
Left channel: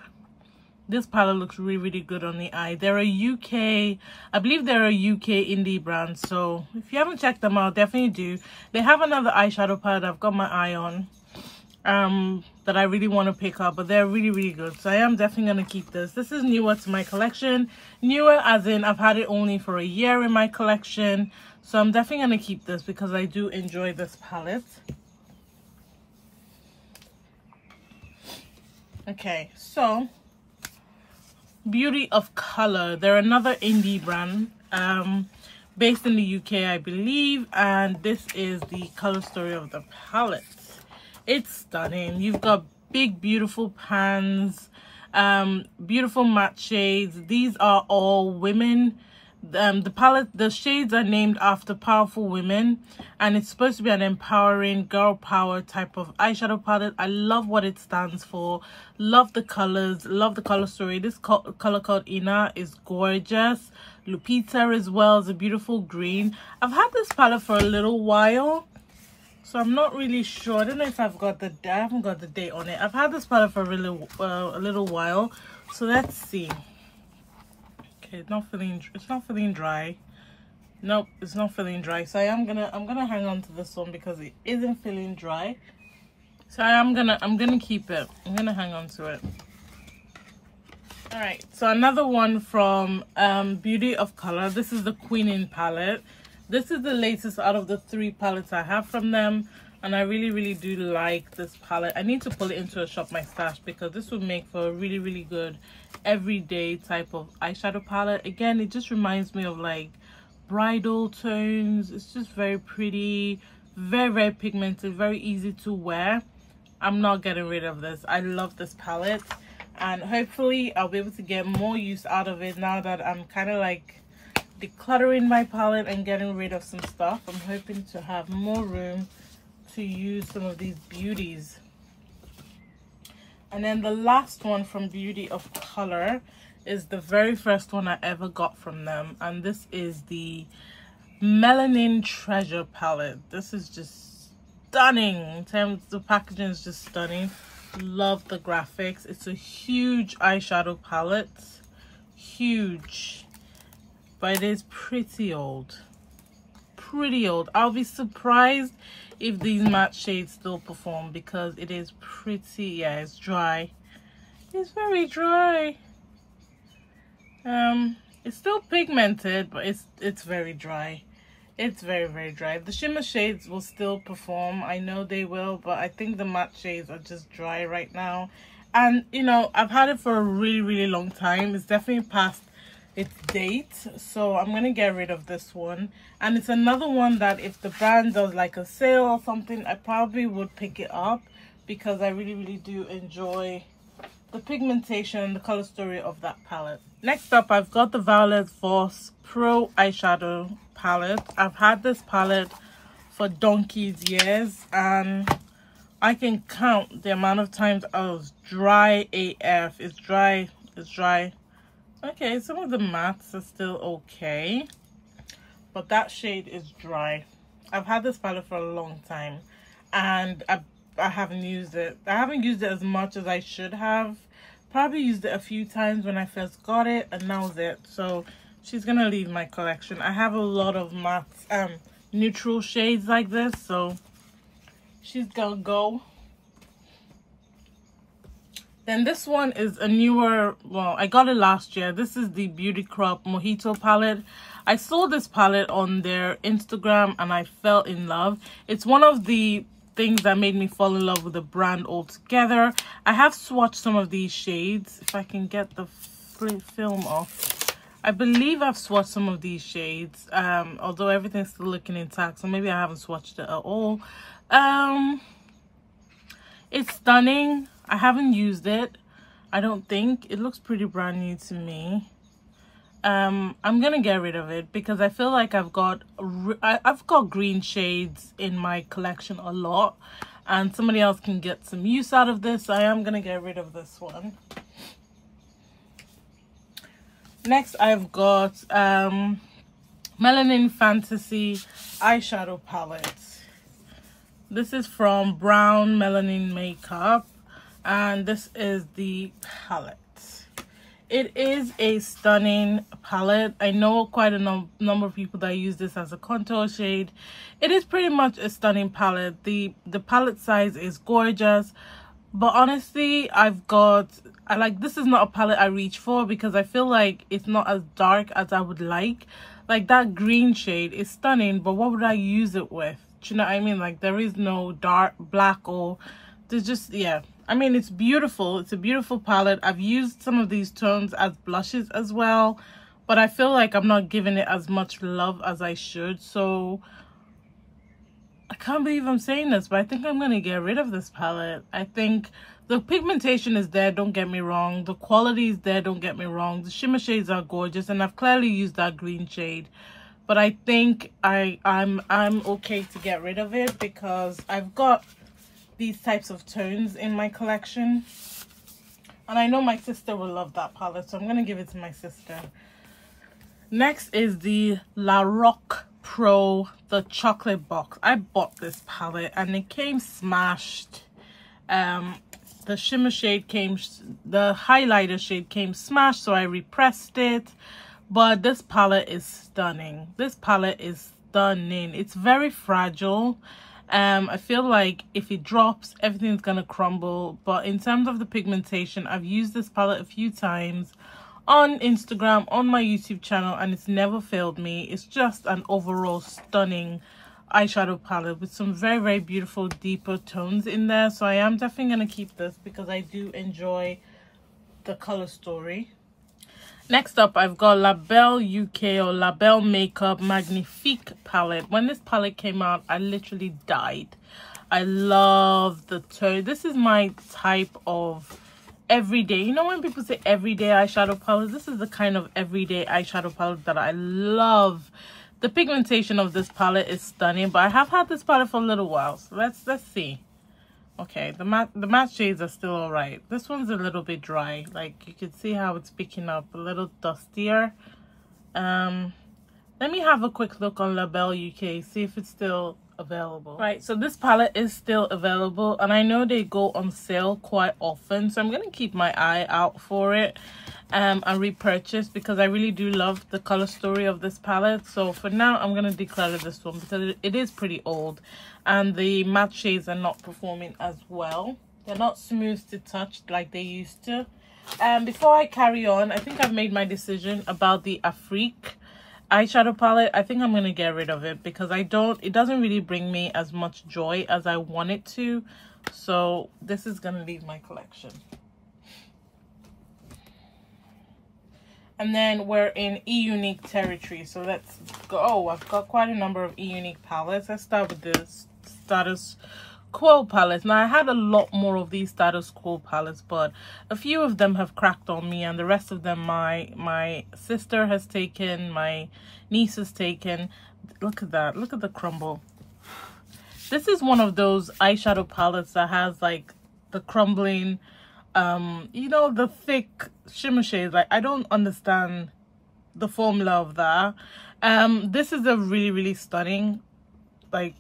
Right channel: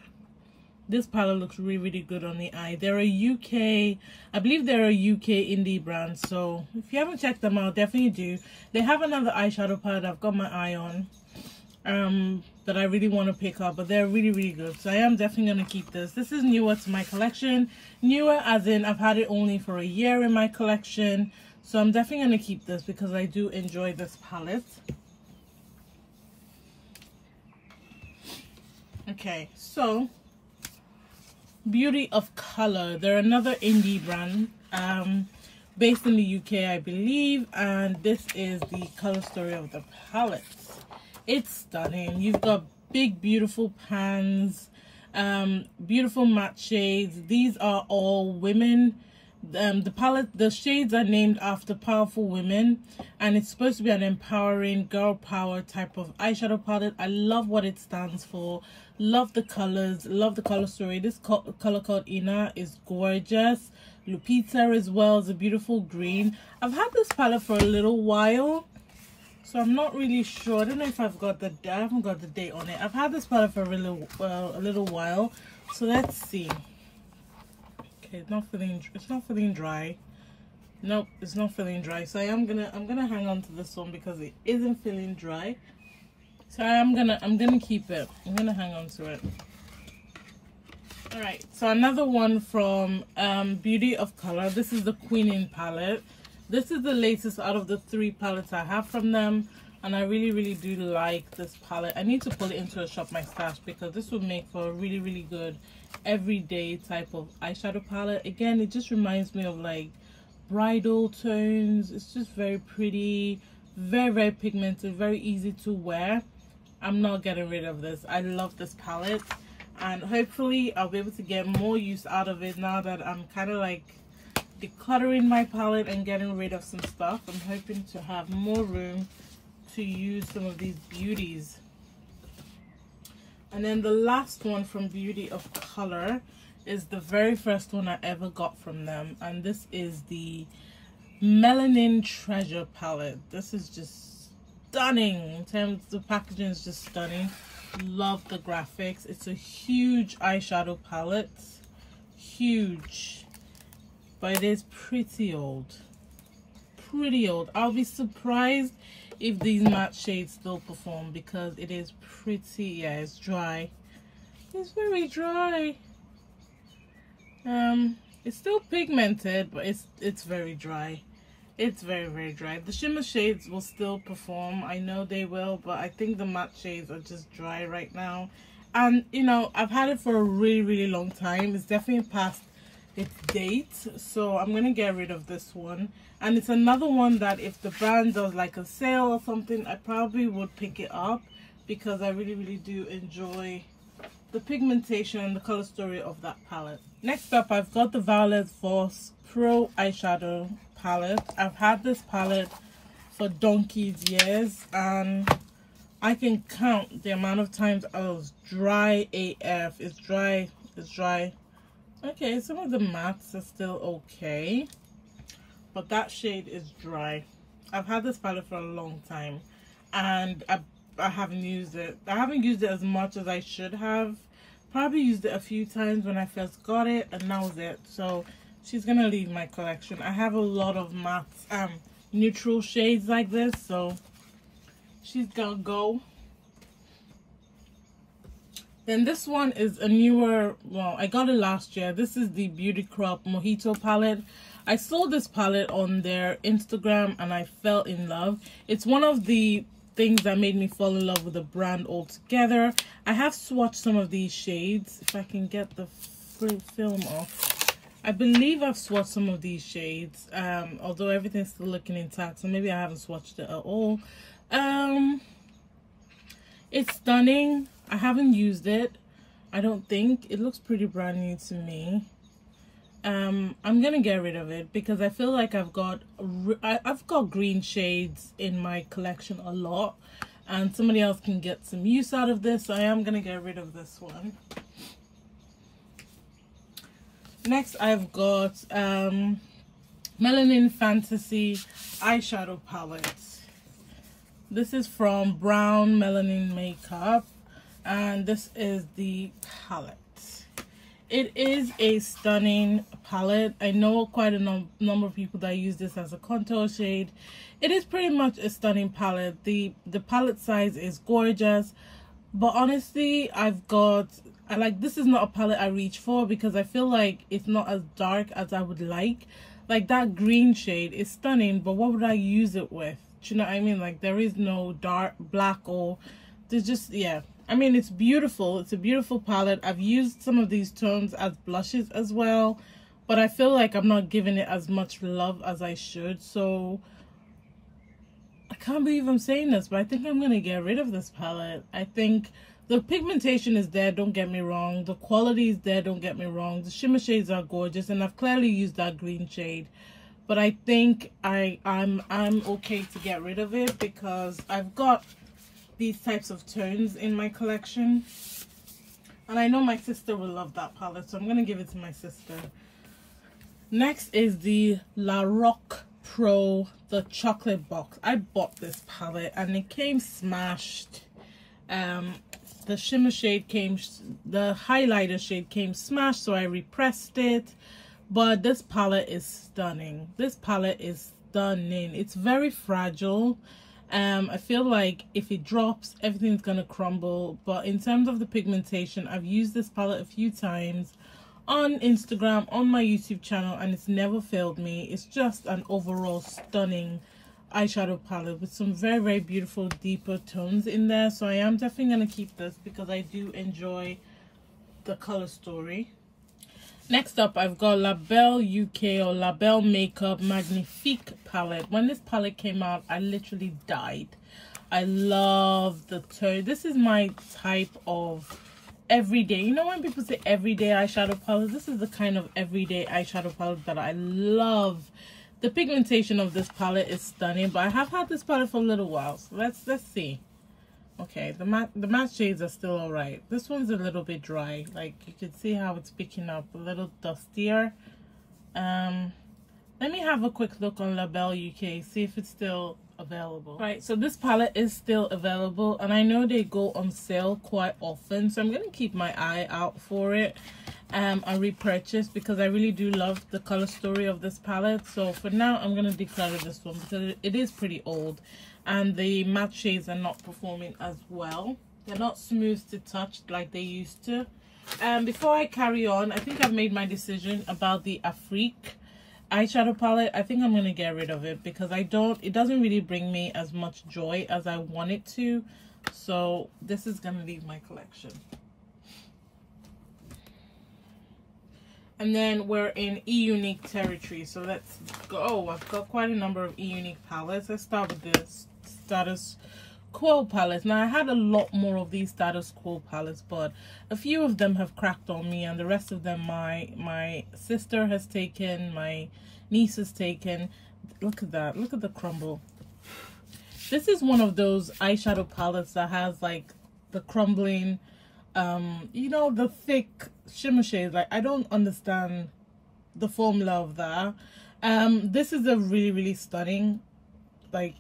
This palette looks really, really good on the eye. They're a UK, I believe they're a UK indie brand. So if you haven't checked them out, definitely do. They have another eyeshadow palette I've got my eye on that I really want to pick up, but they're really, really good. So I am definitely going to keep this. This is newer to my collection. Newer as in I've had it only for a year in my collection. So I'm definitely going to keep this because I do enjoy this palette. Okay, so Beauty of Color. They're another indie brand based in the UK, I believe, and this is the color story of the palette. It's stunning. You've got big, beautiful pans, beautiful matte shades. These are all women. The palette, the shades are named after powerful women, and it's supposed to be an empowering girl power type of eyeshadow palette. I love what it stands for. Love the colors, love the color story. This color called Ina is gorgeous. Lupita as well is a beautiful green. I've had this palette for a little while, so I'm not really sure. I don't know if I've got the I haven't got the date on it. I've had this palette for a little while, so let's see. Okay, it's not feeling dry. Nope, it's not feeling dry. So I'm gonna hang on to this one because it isn't feeling dry. So I'm gonna keep it. I'm gonna hang on to it. All right, so another one from Beauty of Color. This is the Queening palette. This is the latest out of the 3 palettes I have from them, and I really, really do like this palette. I need to pull it into a shop my stash because this would make for a really, really good everyday type of eyeshadow palette. Again, it just reminds me of like bridal tones. It's just very pretty, very, very pigmented, very easy to wear. I'm not getting rid of this. I love this palette, and hopefully I'll be able to get more use out of it now that I'm kind of like decluttering my palette and getting rid of some stuff. I'm hoping to have more room to use some of these beauties. And then the last one from Beauty of Color is the very first one I ever got from them, and this is the Melanin Treasure palette. This is just stunning. In terms of the packaging is just stunning. Love the graphics. It's a huge eyeshadow palette, huge, but it is pretty old. I'll be surprised if these matte shades still perform because it is pretty, yeah, it's dry. It's very dry. It's still pigmented, but it's very dry. It's very, very dry. The shimmer shades will still perform. I know they will, but I think the matte shades are just dry right now. And you know, I've had it for a really, really long time. It's definitely past its date, so I'm gonna get rid of this one. And it's another one that if the brand does like a sale or something, I probably would pick it up because I really do enjoy the pigmentation and the color story of that palette. Next up, I've got the Violet Voss Pro Eyeshadow palette. I've had this palette for donkey's years, and I can count the amount of times I was dry AF. It's dry. Okay, some of the mattes are still okay, but that shade is dry. I've had this palette for a long time, and I haven't used it. I haven't used it as much as I should have. Probably used it a few times when I first got it, and now's it. So she's gonna leave my collection. I have a lot of matte neutral shades like this, so she's gonna go. Then this one is a newer, well, I got it last year. This is the Beauty Crop Mojito palette. I saw this palette on their Instagram and I fell in love. It's one of the things that made me fall in love with the brand altogether. I have swatched some of these shades. If I can get the film off, I believe I've swatched some of these shades, although everything's still looking intact, so maybe I haven't swatched it at all. It's stunning. I haven't used it, I don't think. It looks pretty brand new to me. I'm gonna get rid of it because I feel like I've got green shades in my collection a lot, and somebody else can get some use out of this, so I am gonna get rid of this one. Next, I've got Melanin Fantasy eyeshadow palette. This is from Brown Melanin Makeup, and this is the palette. It is a stunning palette. I know quite a number of people that use this as a contour shade. It is pretty much a stunning palette. The palette size is gorgeous, but honestly, this is not a palette I reach for because I feel like it's not as dark as I would like. Like that green shade is stunning, but what would I use it with? Do you know what I mean? Like there is no dark black, or there's just, yeah. I mean, it's beautiful. It's a beautiful palette. I've used some of these tones as blushes as well, but I feel like I'm not giving it as much love as I should. So I can't believe I'm saying this, but I think I'm going to get rid of this palette. I think the pigmentation is there, don't get me wrong. The quality is there, don't get me wrong. The shimmer shades are gorgeous, and I've clearly used that green shade. But I think I'm okay to get rid of it because I've got these types of tones in my collection, and I know my sister will love that palette, so I'm gonna give it to my sister. Next is the La Roque Pro, the chocolate box. I bought this palette and it came smashed. The shimmer shade came, the highlighter shade came smashed, so I repressed it. But this palette is stunning. This palette is stunning. It's very fragile. I feel like if it drops, everything's gonna crumble. But in terms of the pigmentation, I've used this palette a few times on Instagram, on my YouTube channel, and it's never failed me. It's just an overall stunning eyeshadow palette with some very beautiful deeper tones in there. So I am definitely gonna keep this because I do enjoy the color story. Next up, I've got La Belle UK or La Belle Makeup Magnifique palette. When this palette came out, I literally died. I love the tone. This is my type of everyday. You know when people say everyday eyeshadow palette? This is the kind of everyday eyeshadow palette that I love. The pigmentation of this palette is stunning, but I have had this palette for a little while. So let's see. Okay, the matte shades are still all right. This one's a little bit dry. Like you can see how it's picking up, a little dustier. Let me have a quick look on La Belle UK, see if it's still available. Right, so this palette is still available, and I know they go on sale quite often, so I'm gonna keep my eye out for it and repurchase because I really do love the color story of this palette. So for now, I'm gonna declutter this one because it is pretty old, and the matte shades are not performing as well. They're not smooth to touch like they used to. Before I carry on, I think I've made my decision about the Afrique eyeshadow palette. I think I'm gonna get rid of it because it doesn't really bring me as much joy as I want it to. So this is gonna leave my collection. And then we're in E-Unique territory, so let's go. Oh, I've got quite a number of E-Unique palettes. Let's start with this status quo palettes. Now I had a lot more of these status quo palettes, but a few of them have cracked on me, and the rest of them my sister has taken, my niece has taken. Look at that, look at the crumble. This is one of those eyeshadow palettes that has like the crumbling, you know, the thick shimmer shades. Like, I don't understand the formula of that. This is a really stunning, like,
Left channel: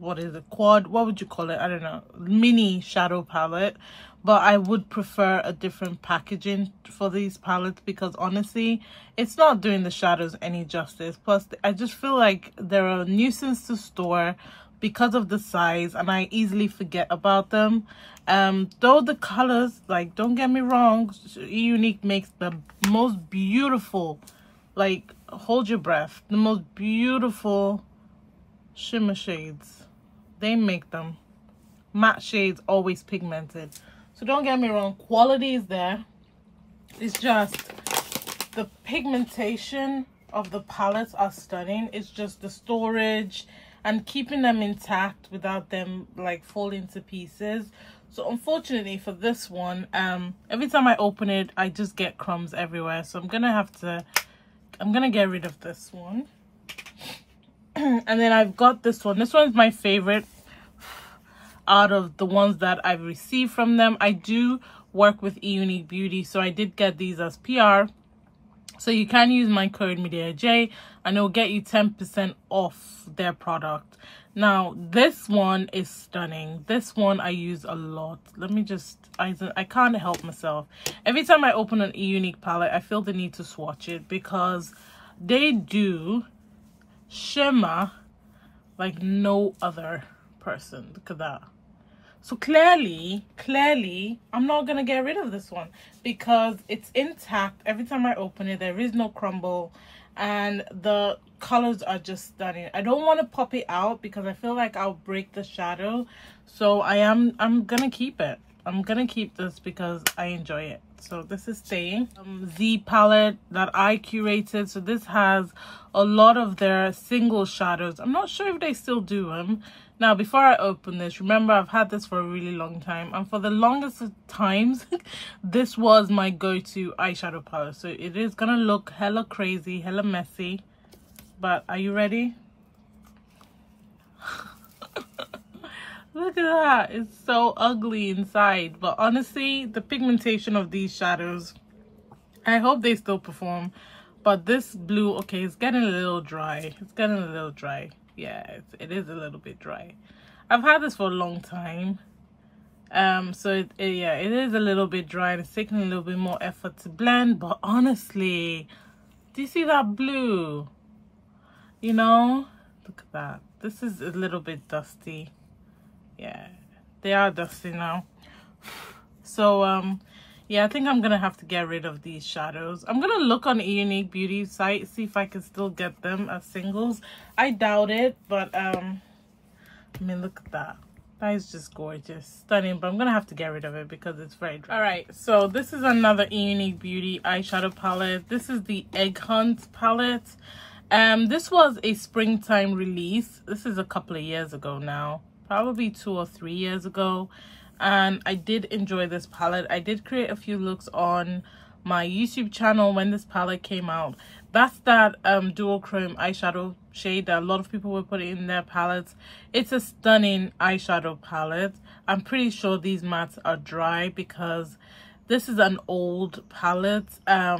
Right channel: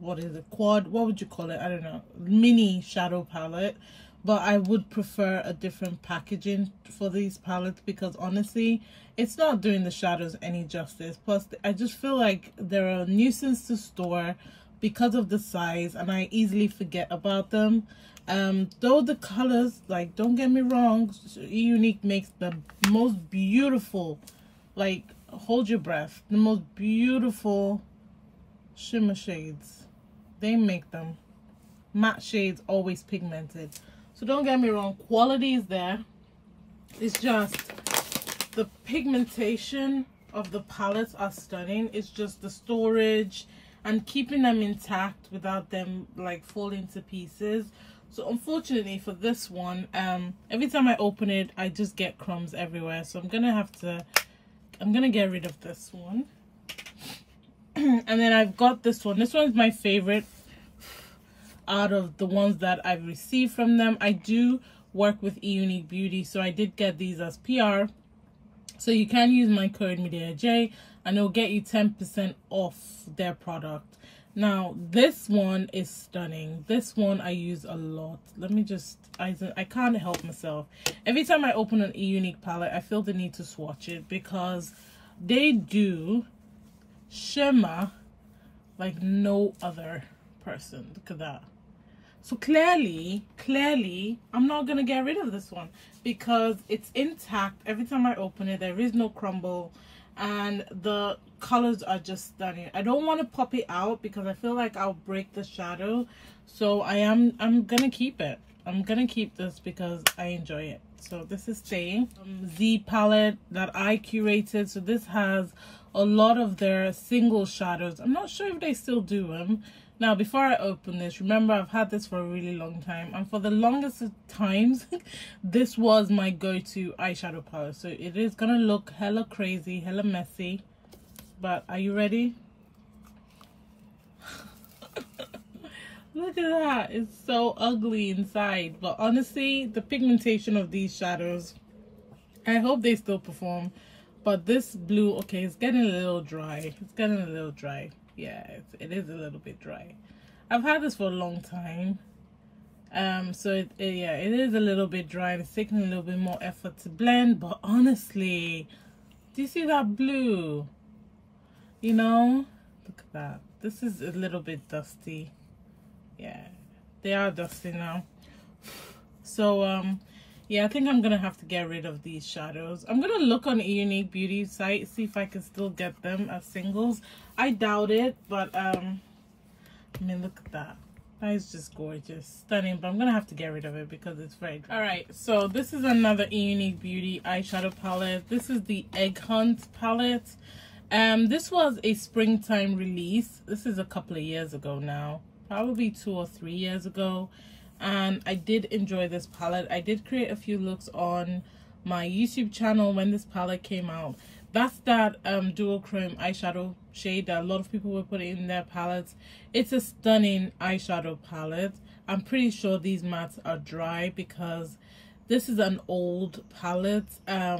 what is it, quad, what would you call it, I don't know, mini shadow palette. But I would prefer a different packaging for these palettes, because honestly it's not doing the shadows any justice. Plus I just feel like they're a nuisance to store because of the size, and I easily forget about them. Though the colors, like, don't get me wrong, Unique makes the most beautiful, like, hold your breath, the most beautiful shimmer shades. They make them. Matte shades, always pigmented. So don't get me wrong, quality is there. It's just the pigmentation of the palettes are stunning. It's just the storage and keeping them intact without them like falling to pieces. So unfortunately for this one, every time I open it I just get crumbs everywhere. So I'm gonna get rid of this one. And then I've got this one. This one is my favorite out of the ones that I've received from them. I do work with Unique Beauty, so I did get these as PR. So you can use my code MediaJ and it will get you 10% off their product. Now this one is stunning. This one I use a lot. Let me just, I can't help myself. Every time I open an Unique palette I feel the need to swatch it, because they do shimmer like no other person. Look at that. So clearly I'm not gonna get rid of this one because it's intact. Every time I open it there is no crumble and the colors are just stunning. I don't want to pop it out because I feel like I'll break the shadow, so I'm gonna keep it. I'm gonna keep this because I enjoy it. So this is staying. Z palette that I curated. So this has a lot of their single shadows. I'm not sure if they still do them. Now before I open this, remember I've had this for a really long time, and for the longest of times this was my go-to eyeshadow palette. So it is gonna look hella crazy, hella messy, but are you ready? Look at that, it's so ugly inside, but honestly the pigmentation of these shadows, I hope they still perform. But this blue, okay, it's getting a little dry. It's getting a little dry. Yeah, it is a little bit dry. I've had this for a long time, so yeah, it is a little bit dry. It's taking a little bit more effort to blend, but honestly, do you see that blue? You know, look at that. This is a little bit dusty. Yeah, they are dusty now. So yeah, I think I'm gonna have to get rid of these shadows. I'm gonna look on a Unique Beauty site, see if I can still get them as singles. I doubt it, but I mean, look at that. That is just gorgeous, stunning. But I'm gonna have to get rid of it because it's very dry. All right, so this is another Unique Beauty eyeshadow palette. This is the Egg Hunt palette. This was a springtime release. This is a couple of years ago now, probably 2 or 3 years ago. And I did enjoy this palette. I did create a few looks on my YouTube channel when this palette came out. That's that dual chrome eyeshadow shade that a lot of people were putting in their palettes. It's a stunning eyeshadow palette. I'm pretty sure these mattes are dry because this is an old palette. I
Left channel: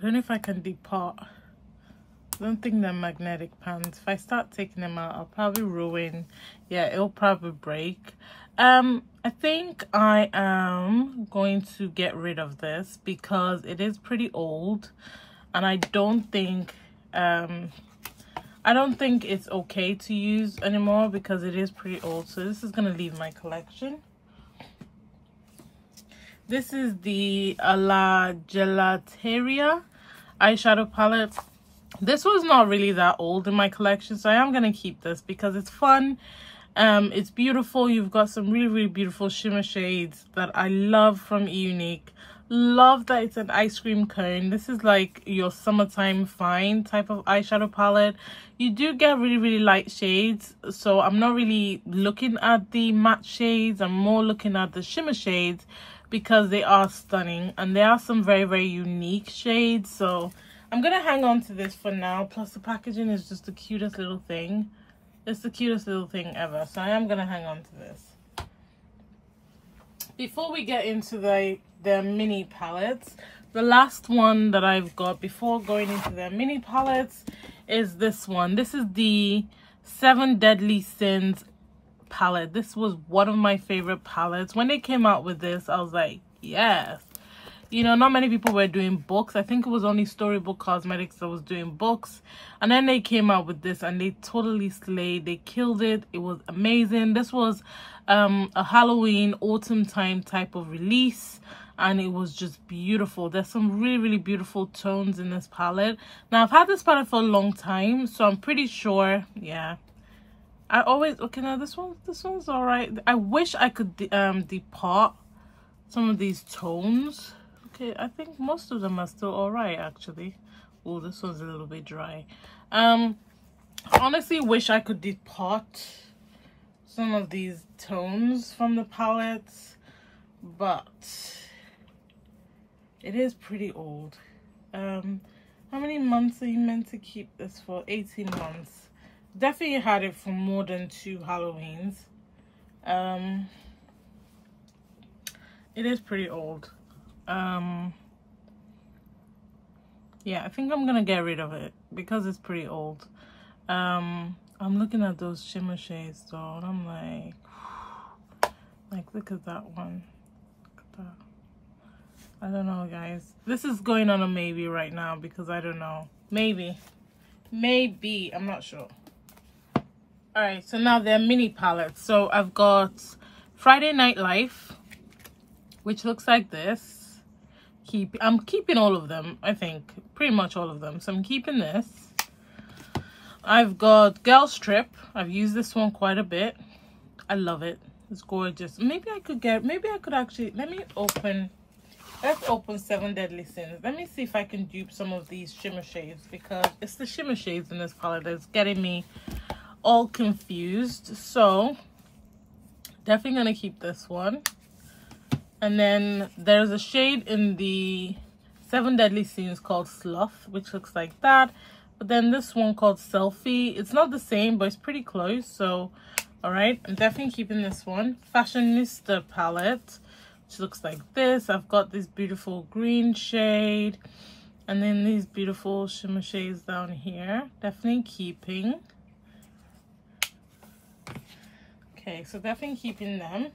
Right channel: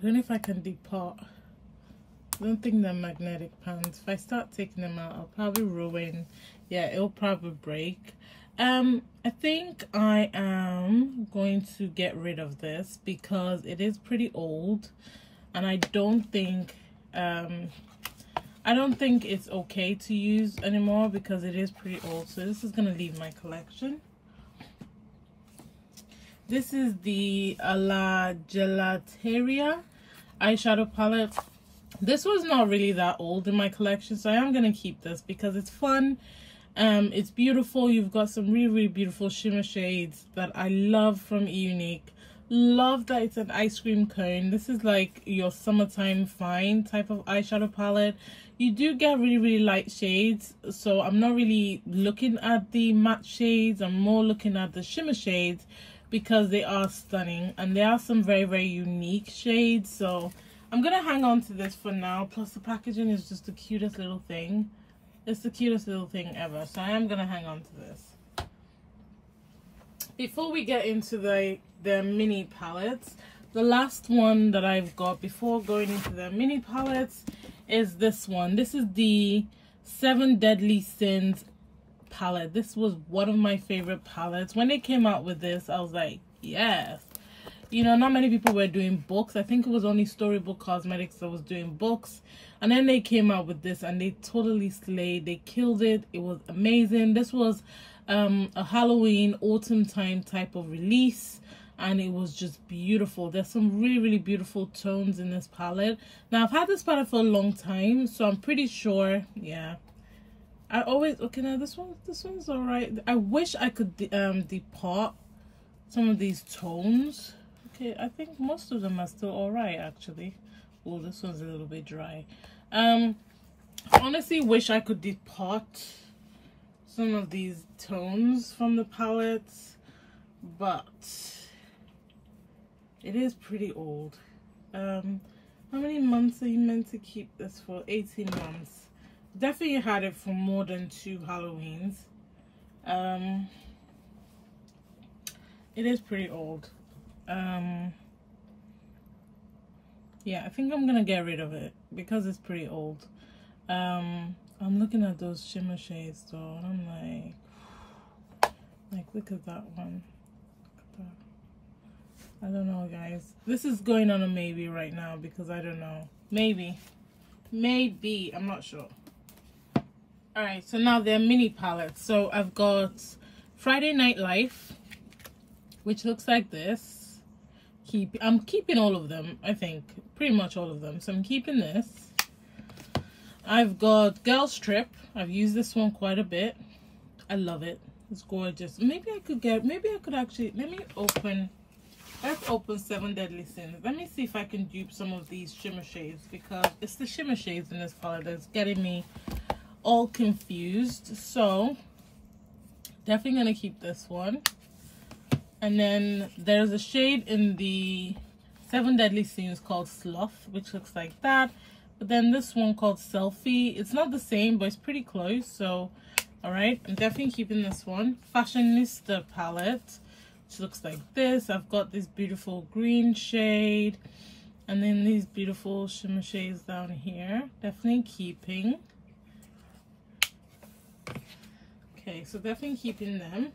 don't know if I can depart. I don't think they're magnetic pans. If I start taking them out, I'll probably ruin. Yeah, it'll probably break. I think I am going to get rid of this because it is pretty old, and I don't think it's okay to use anymore because it is pretty old. So this is gonna leave my collection. This is the La Gelateria eyeshadow palette. This was not really that old in my collection, so I am gonna keep this because it's fun. It's beautiful. You've got some really beautiful shimmer shades that I love from Unique. Love that it's an ice cream cone. This is like your summertime fine type of eyeshadow palette. You do get really light shades, so I'm not really looking at the matte shades. I'm more looking at the shimmer shades because they are stunning, and there are some very unique shades. So I'm gonna hang on to this for now. Plus the packaging is just the cutest little thing. It's the cutest little thing ever, so I am gonna hang on to this. Before we get into the mini palettes, the last one that I've got before going into the mini palettes is this one. This is the 7 Deadly Sins palette. This was one of my favorite palettes. When they came out with this, I was like, yes. You know, not many people were doing books. I think it was only Storybook Cosmetics that was doing books. And then they came out with this and they totally slayed. They killed it. It was amazing. This was a Halloween autumn time type of release, and it was just beautiful. There's some really beautiful tones in this palette. Now I've had this palette for a long time, so I'm pretty sure, yeah, I always, okay, now this one's all right. I wish I could depart some of these tones. Okay, I think most of them are still all right, actually. Oh, this one's a little bit dry. I honestly wish I could depart some of these tones from the palettes, but it is pretty old. How many months are you meant to keep this for? 18 months. Definitely had it for more than 2 Halloweens. It is pretty old. Yeah, I think I'm gonna get rid of it because it's pretty old. I'm looking at those shimmer shades though, and I'm like look at that one. Look at that. I don't know, guys. This is going on a maybe right now because I don't know. Maybe, I'm not sure. All right, so now they're mini palettes. So I've got Friday Night Life, which looks like this. I'm keeping all of them, I think, pretty much all of them. So I'm keeping this. I've got Girls Trip. I've used this one quite a bit. I love it. It's gorgeous. Maybe I could actually, let's open 7 Deadly Sins. Let me see if I can dupe some of these shimmer shades, because it's the shimmer shades in this palette that's getting me all confused. So definitely gonna keep this one. And then there's a shade in the 7 Deadly Sins called Sloth, which looks like that. But then this one called Selfie, it's not the same, but it's pretty close. So, all right, I'm definitely keeping this one. Fashionista palette, which looks like this. I've got this beautiful green shade, and then these beautiful shimmer shades down here. Definitely keeping. Okay, so definitely keeping them.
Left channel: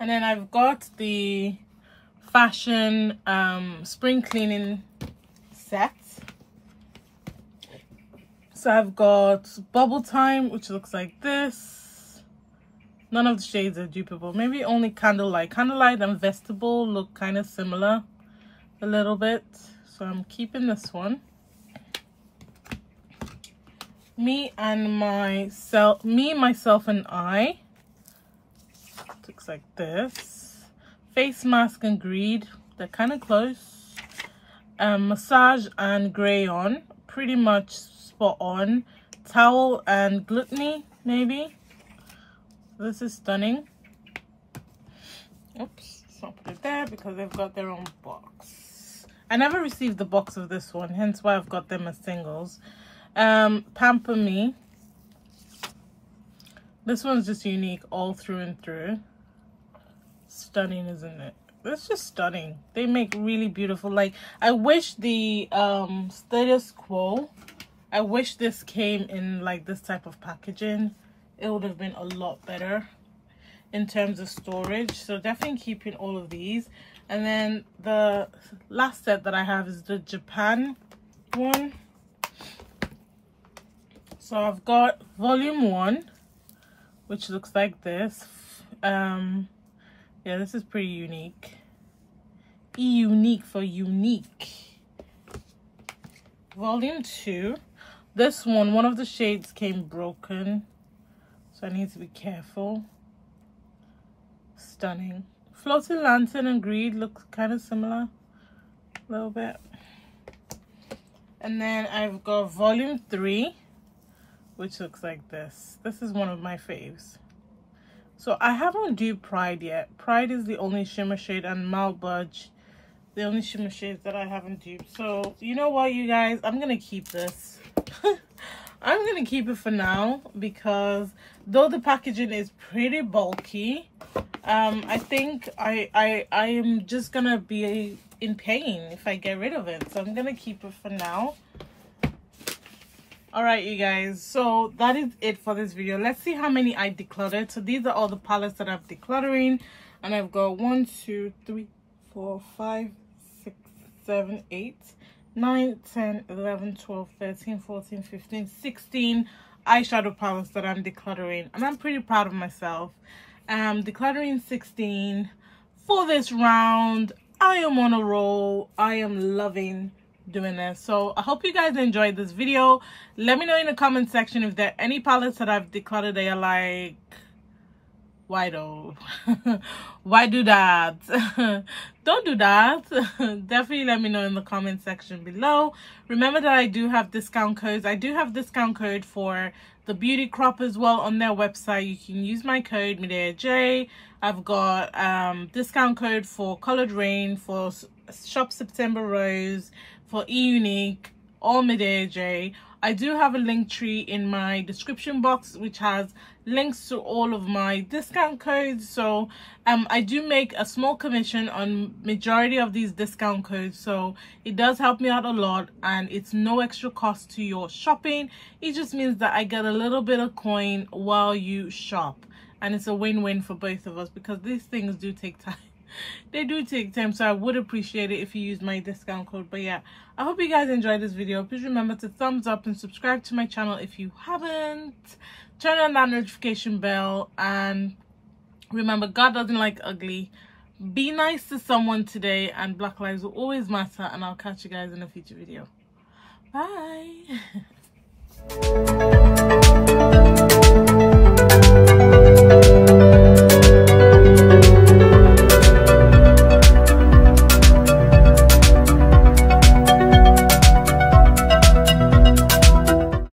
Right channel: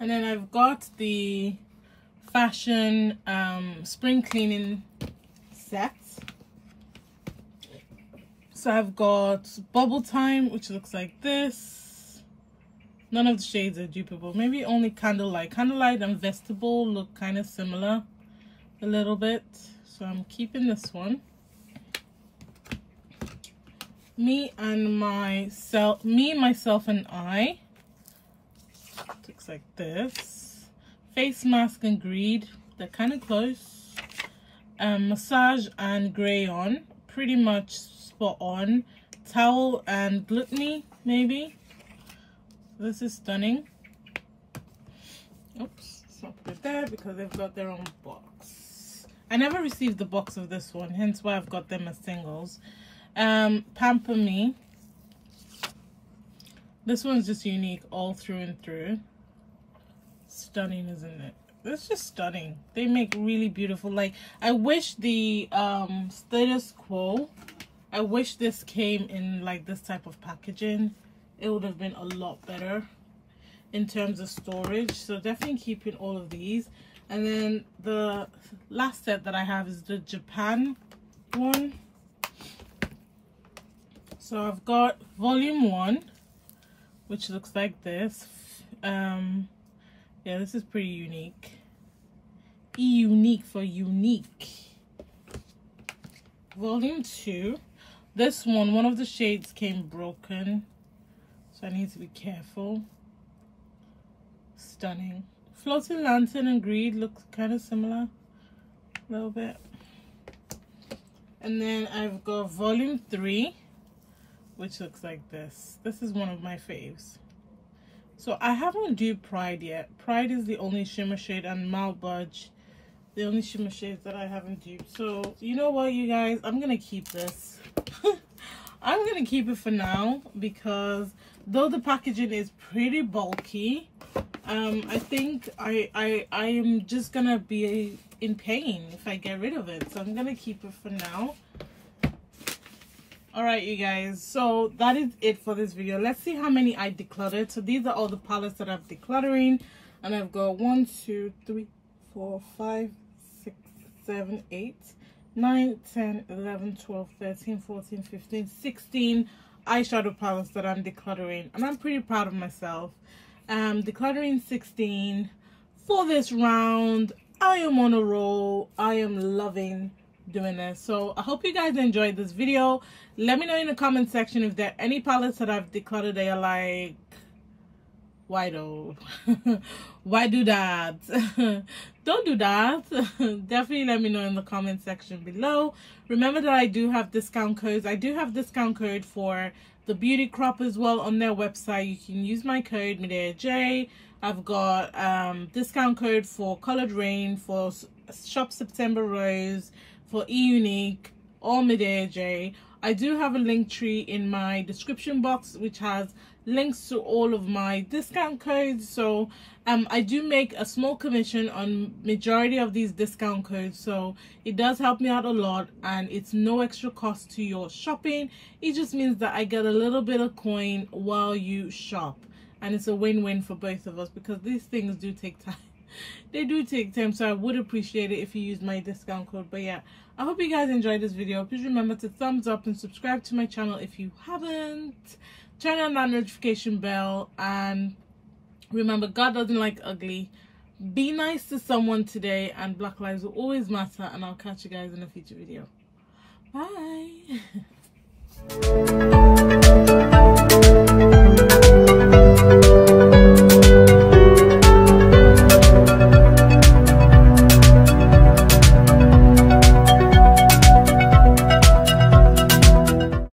And then I've got the Fashion spring cleaning set. So I've got Bubble Time, which looks like this. None of the shades are dupable. Maybe only Candlelight. Candlelight and Vegetable look kind of similar a little bit. So I'm keeping this one. Me, Myself and I. Looks like this. Face Mask and Greed. They're kind of close. Massage and Grey On. Pretty much spot on. Towel and Gluttony, maybe. This is stunning. Oops, let's not put it there because they've got their own box. I never received the box of this one, hence why I've got them as singles. Pamper Me. This one's just unique all through and through. Stunning, isn't it? It's just stunning. They make really beautiful, like, I wish the Status Quo, I wish this came in like this type of packaging. It would have been a lot better in terms of storage. So definitely keeping all of these. And then the last set that I have is the Japan one. So I've got volume 1, which looks like this. Yeah, this is pretty unique. Unique for unique. Volume 2. This one of the shades came broken, so I need to be careful. Stunning. Floating Lantern and Greed looks kind of similar, a little bit. And then I've got Volume 3, which looks like this. This is one of my faves. So I haven't duped Pride yet. Pride is the only shimmer shade, and Mount Budge, the only shimmer shades that I haven't duped. So you know what, you guys, I'm gonna keep this. I'm gonna keep it for now, because though the packaging is pretty bulky, I think I am just gonna be in pain if I get rid of it. So I'm gonna keep it for now. All right, you guys, so that is it for this video. Let's see how many I decluttered. So these are all the palettes that I'm decluttering, and I've got 1, 2, 3, 4, 5, 6, 7, 8, 9, 10, 11, 12, 13, 14, 15, 16 eyeshadow palettes that I'm decluttering, and I'm pretty proud of myself. Decluttering 16 for this round. I am on a roll. I am loving doing this. So I hope you guys enjoyed this video. Let me know in the comment section if there are any palettes that I've decluttered that you're like, why though? Why do that? Don't do that. Definitely let me know in the comment section below. Remember that I do have discount codes. I do have discount code for the beauty crop as well on their website. You can use my code MIDAJ. I've got discount code for Colored Raine, for Shop September Rose, for E-Unique, all MIDAJ. I do have a link tree in my description box which has links to all of my discount codes. So I do make a small commission on majority of these discount codes, so it does help me out a lot, and it's no extra cost to your shopping. It just means that I get a little bit of coin while you shop, and it's a win-win for both of us, because these things do take time. They do take time, so I would appreciate it if you use my discount code. But yeah, I hope you guys enjoyed this video. Please remember to thumbs up and subscribe to my channel if you haven't. Turn on that notification bell, and remember, God doesn't like ugly. Be nice to someone today, and Black lives will always matter. And I'll catch you guys in a future video. Bye.